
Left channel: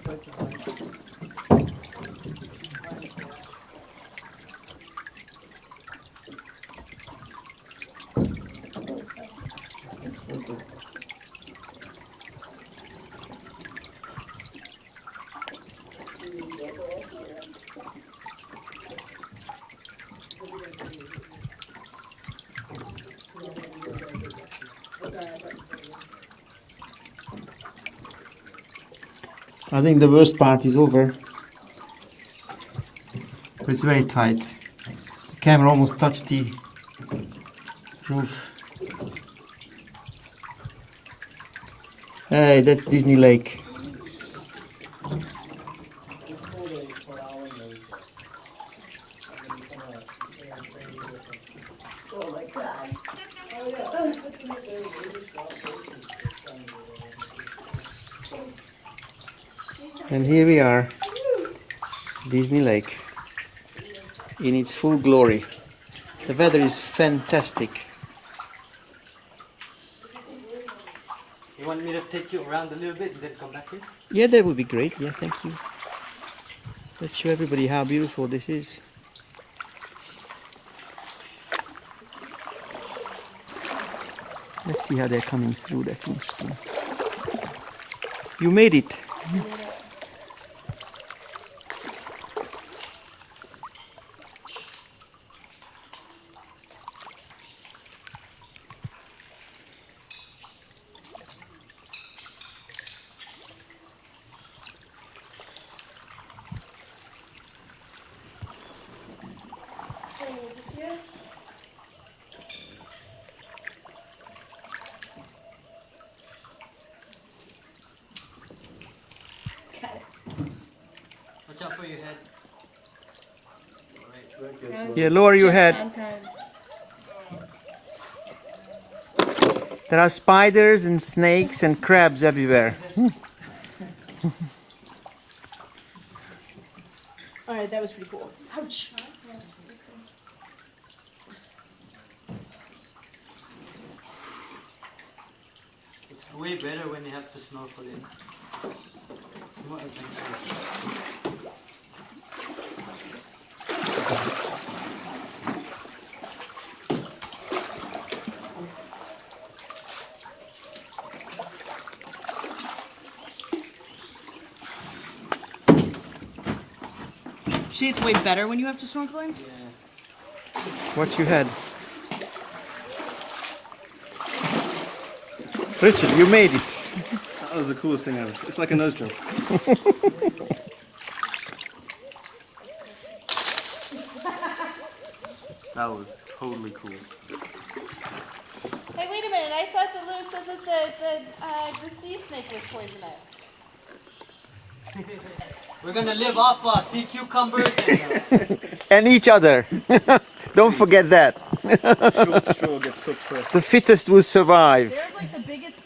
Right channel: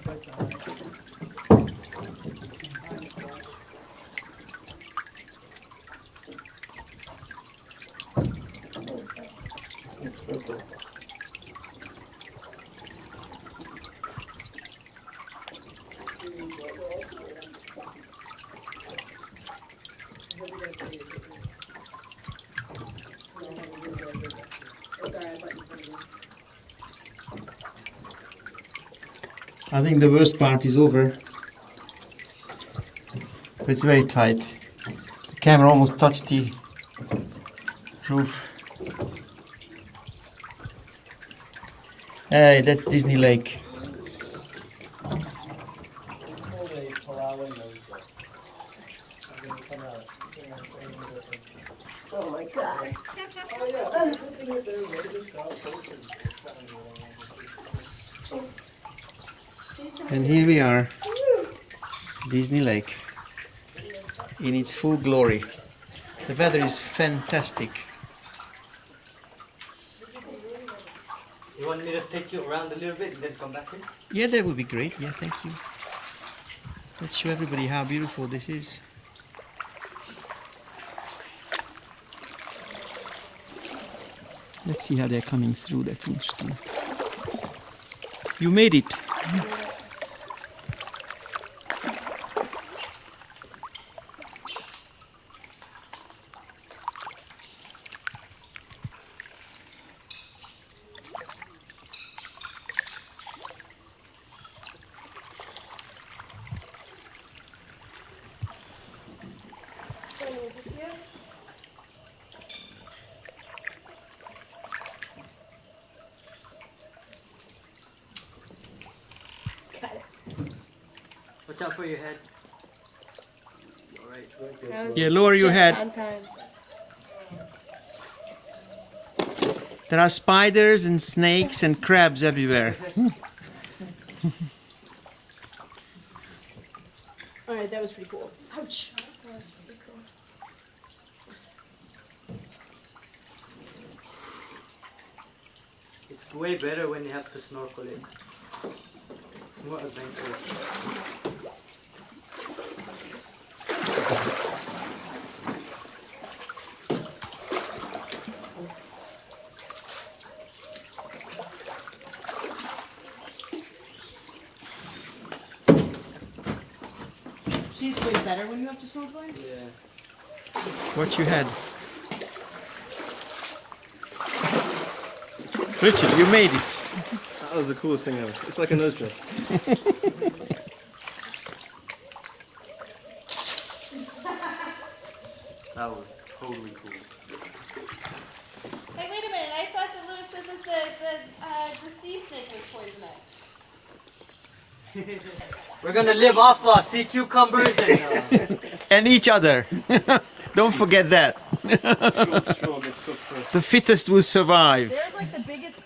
I think the worst part is over. But it's very tight. The camera almost touched the roof. Hey, that's Disney Lake. And here we are, Disney Lake, in its full glory. The weather is fantastic. You want me to take you around a little bit and then come back, please? Yeah, that would be great. Yeah, thank you. Let's show everybody how beautiful this is. Let's see how they're coming through. That's interesting. You made it. Is this you? Got it. Watch out for your head. That was Yeah, lower your just head. on time. There are spiders and snakes and crabs everywhere. Alright, that was pretty cool. Ouch! That's pretty cool. It's way better when you have to snorkel in. It's more adventurous. See, it's way better when you have to snorkel in? Yeah. Watch your head. Richard, you made it. That was the coolest thing ever. It's like a nose job. That was We're gonna live off sea cucumbers and And each other. Don't forget that. Straw gets cooked first. The fittest will survive. There's like the biggest.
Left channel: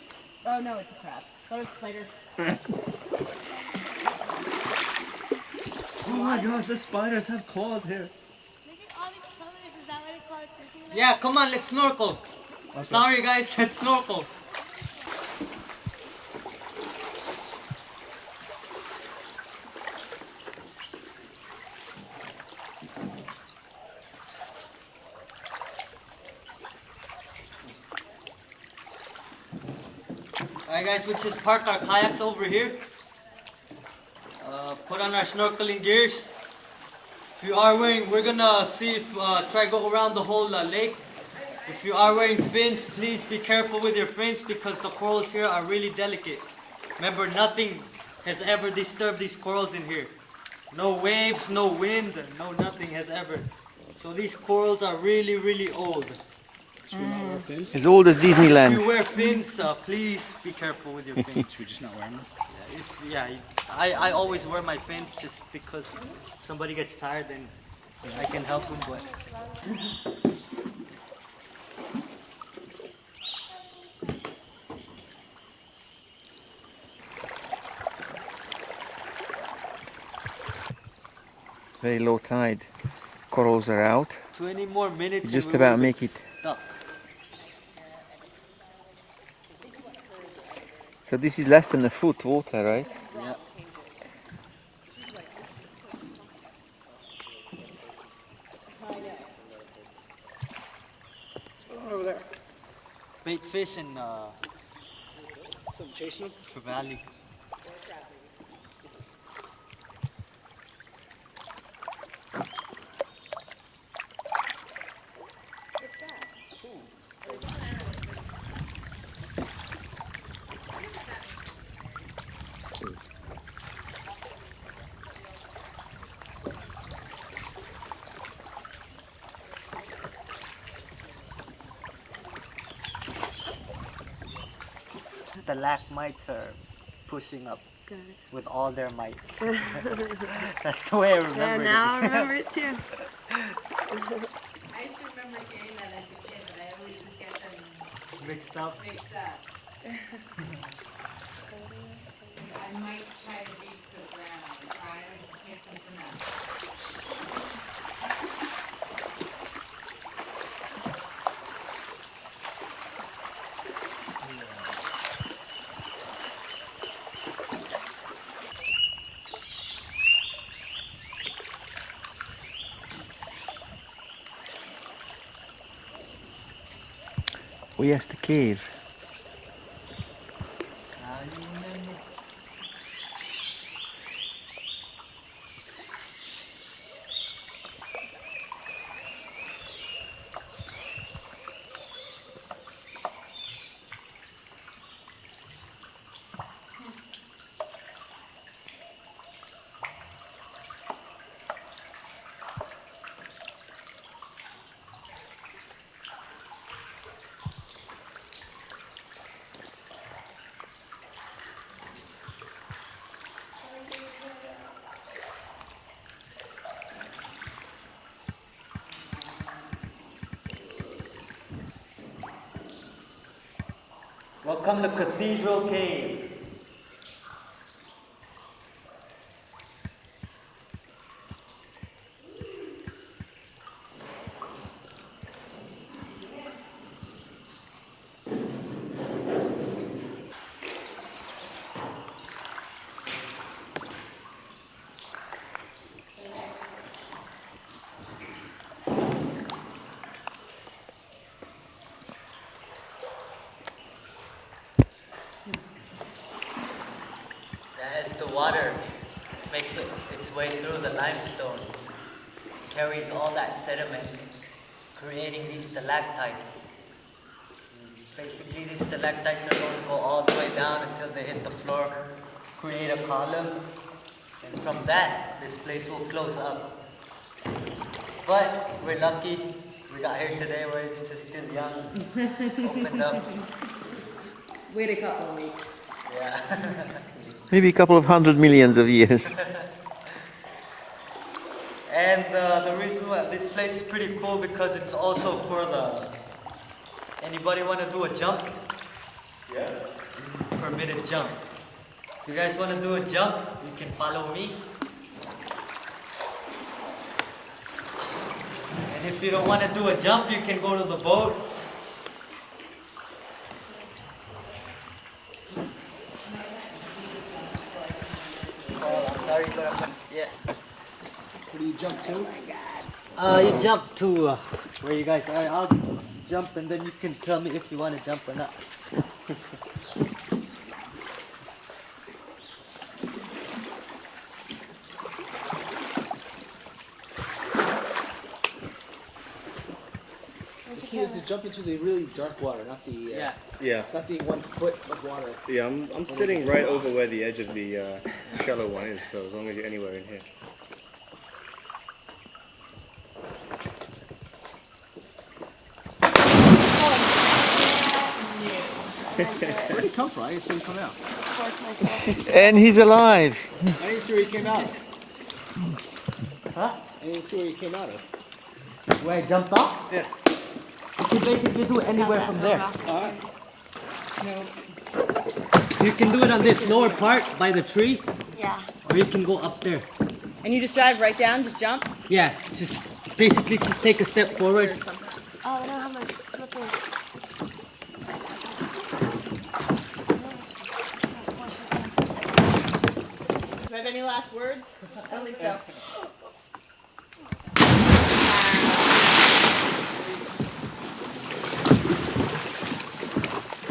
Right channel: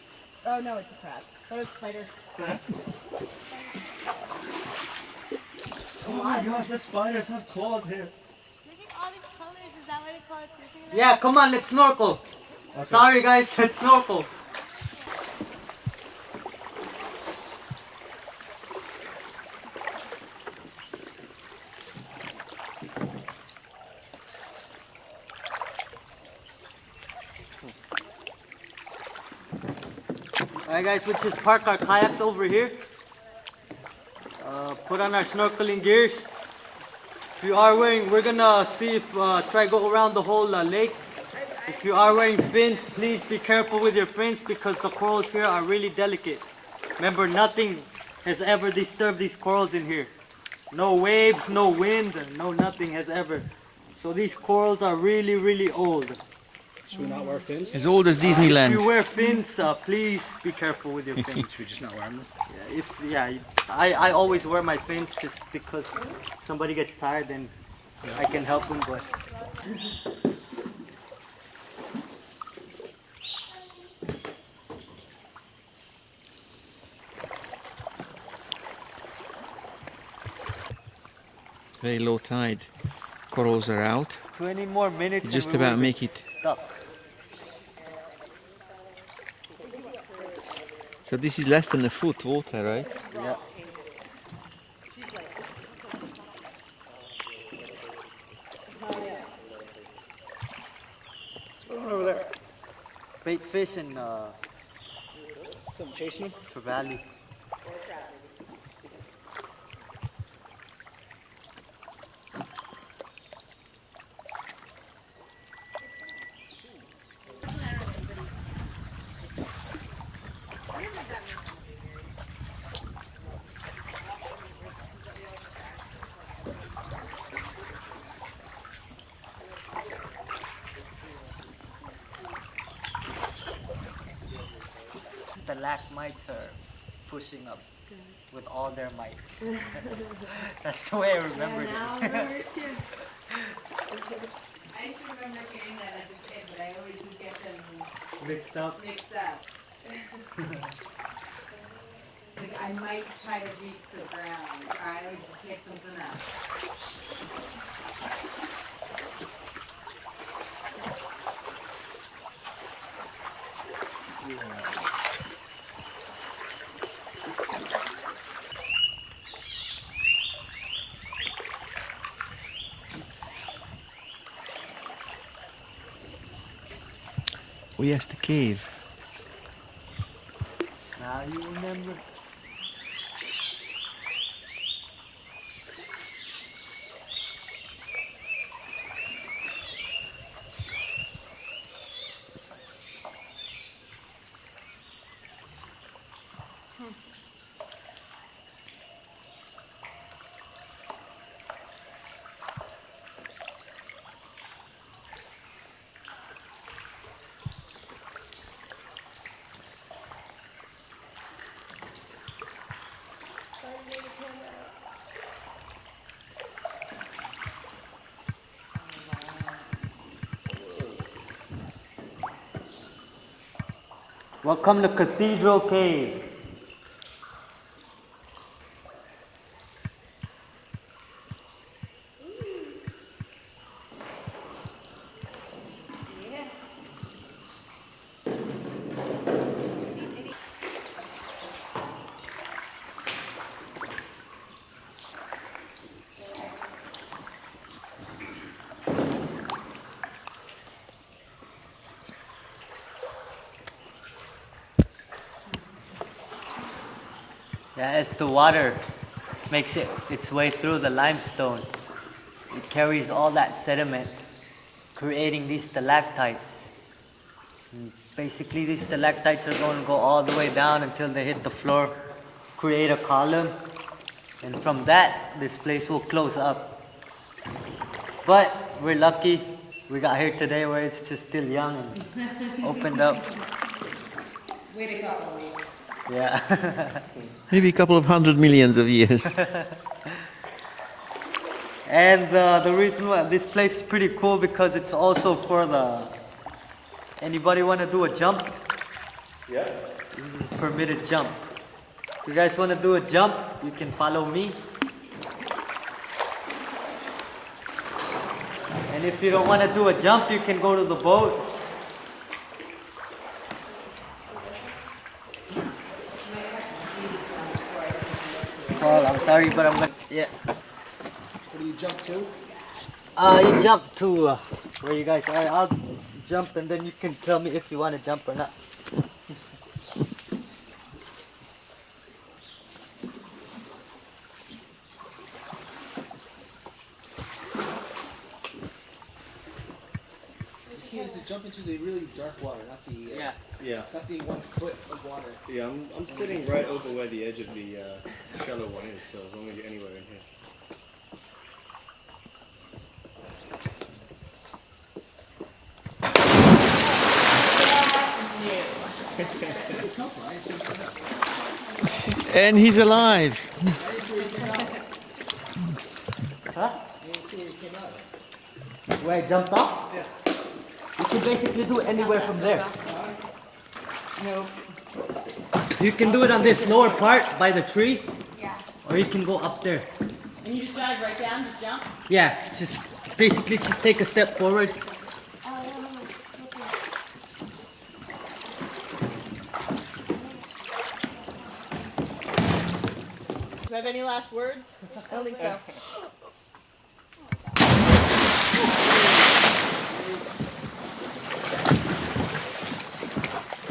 Oh no, it's a crab. That was a spider. Oh my god, the spiders have claws here. Look at all these colors. Is that why they call it Disneyland? yeah, come on, let's snorkel. Sorry guys, let's snorkel. Alright guys, we'll just park our kayaks over here. Put on our snorkeling gears. If you are wearing, we're gonna see if try go around the whole lake. If you are wearing fins, please be careful with your fins because the corals here are really delicate. Remember, nothing has ever disturbed these corals in here. No waves, no wind, no nothing has ever. So these corals are really, really old. Should we not wear fins? As old as If Disneyland. you wear fins, please be careful with your fins. Should we just not wear them? I always wear my fins just because if somebody gets tired then I can help them. But Very low tide. Corals are out. 20 more minutes. We just about make it. So this is less than a foot water, right? Bait fish and trevally. The lack mites are pushing up with all their might. That's the way I remember. Yeah, now I remember it too. I used to remember getting that as a kid, but I always would get them Mixed up. mixed up. Like I might try to reach the ground, or I would just get something up. Oh yes, the cave. I remember. Welcome to Cathedral Cave. As the water makes its way through the limestone, it carries all that sediment, creating these stalactites. And basically, these stalactites are going to go all the way down until they hit the floor, create a column, and from that, this place will close up. But we're lucky we got here today where it's just still young, opened up. Wait a couple of weeks. Yeah. Maybe a couple of 100 millions of years. And the reason why this place is pretty cool because it's also for the... Anybody want to do a jump? Yeah. Permitted jump. If you guys want to do a jump, you can follow me. And if you don't want to do a jump, you can go to the boat. Oh, I'm sorry, but I'm not... Yeah. What do you jump to? You jump to where you guys are. I'll jump and then you can tell me if you want to jump or not. The key is to jump into the really dark water, not the Yeah. Yeah. not the 1 foot of water. Yeah, I'm sitting right over where the edge of the shallow one is, so as long as you're anywhere in here. Where did he come from? I didn't see him come out. And he's alive. I didn't see where he came out of. Huh? I didn't see where he came out of. Where I jumped off? Yeah. You can basically do it anywhere from there. Nope. You can do it on this lower part by the tree, Yeah. or you can go up there. And you just dive right down, just jump? Yeah, just basically just take a step forward. Oh, I don't have much slippers. Do I have any last words? I don't think so.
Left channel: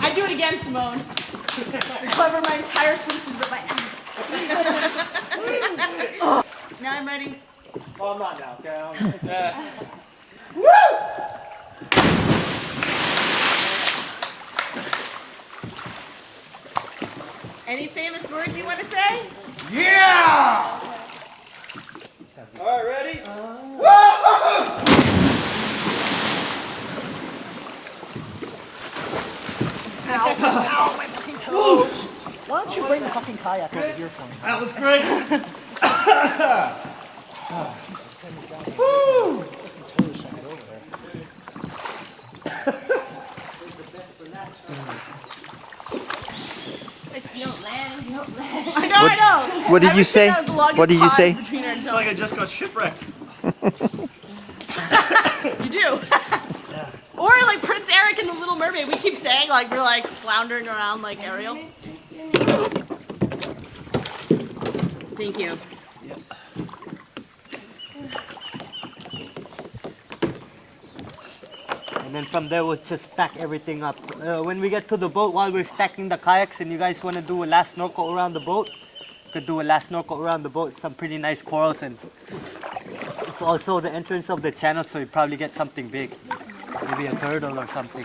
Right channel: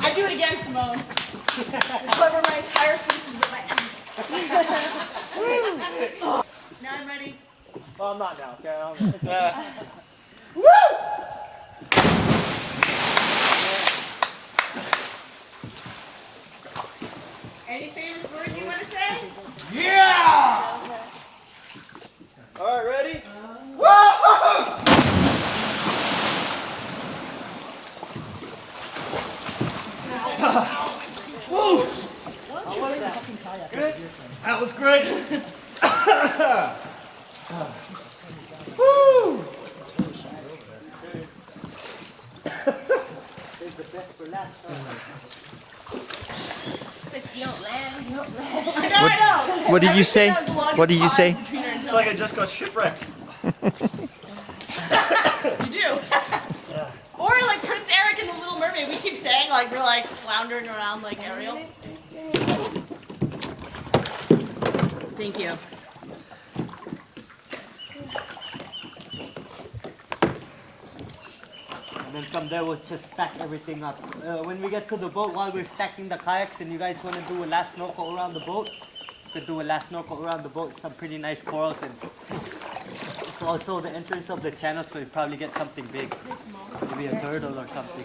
I'd do it again, Simone. Cover my entire swimsuit with my ass. Now I'm ready. Oh, I'm not now. Okay. Any famous words you want to say? Yeah! All right, ready? Why don't you bring the fucking kayak over here for me? That was great. You don't land, you don't land. I know. What did I you was say? thinking of the longest What did you pause say? between her It's like I just got shipwrecked. You do. Or like Prince Eric in The Little Mermaid. We keep saying like we're like floundering around like Ariel. Thank you. And then from there we'll just stack everything up. When we get to the boat, while we're stacking the kayaks and you guys want to do a last snorkel around the boat, you could do a last snorkel around the boat. Some pretty nice corals, and it's also the entrance of the channel, so you probably get something big. Maybe a turtle or something.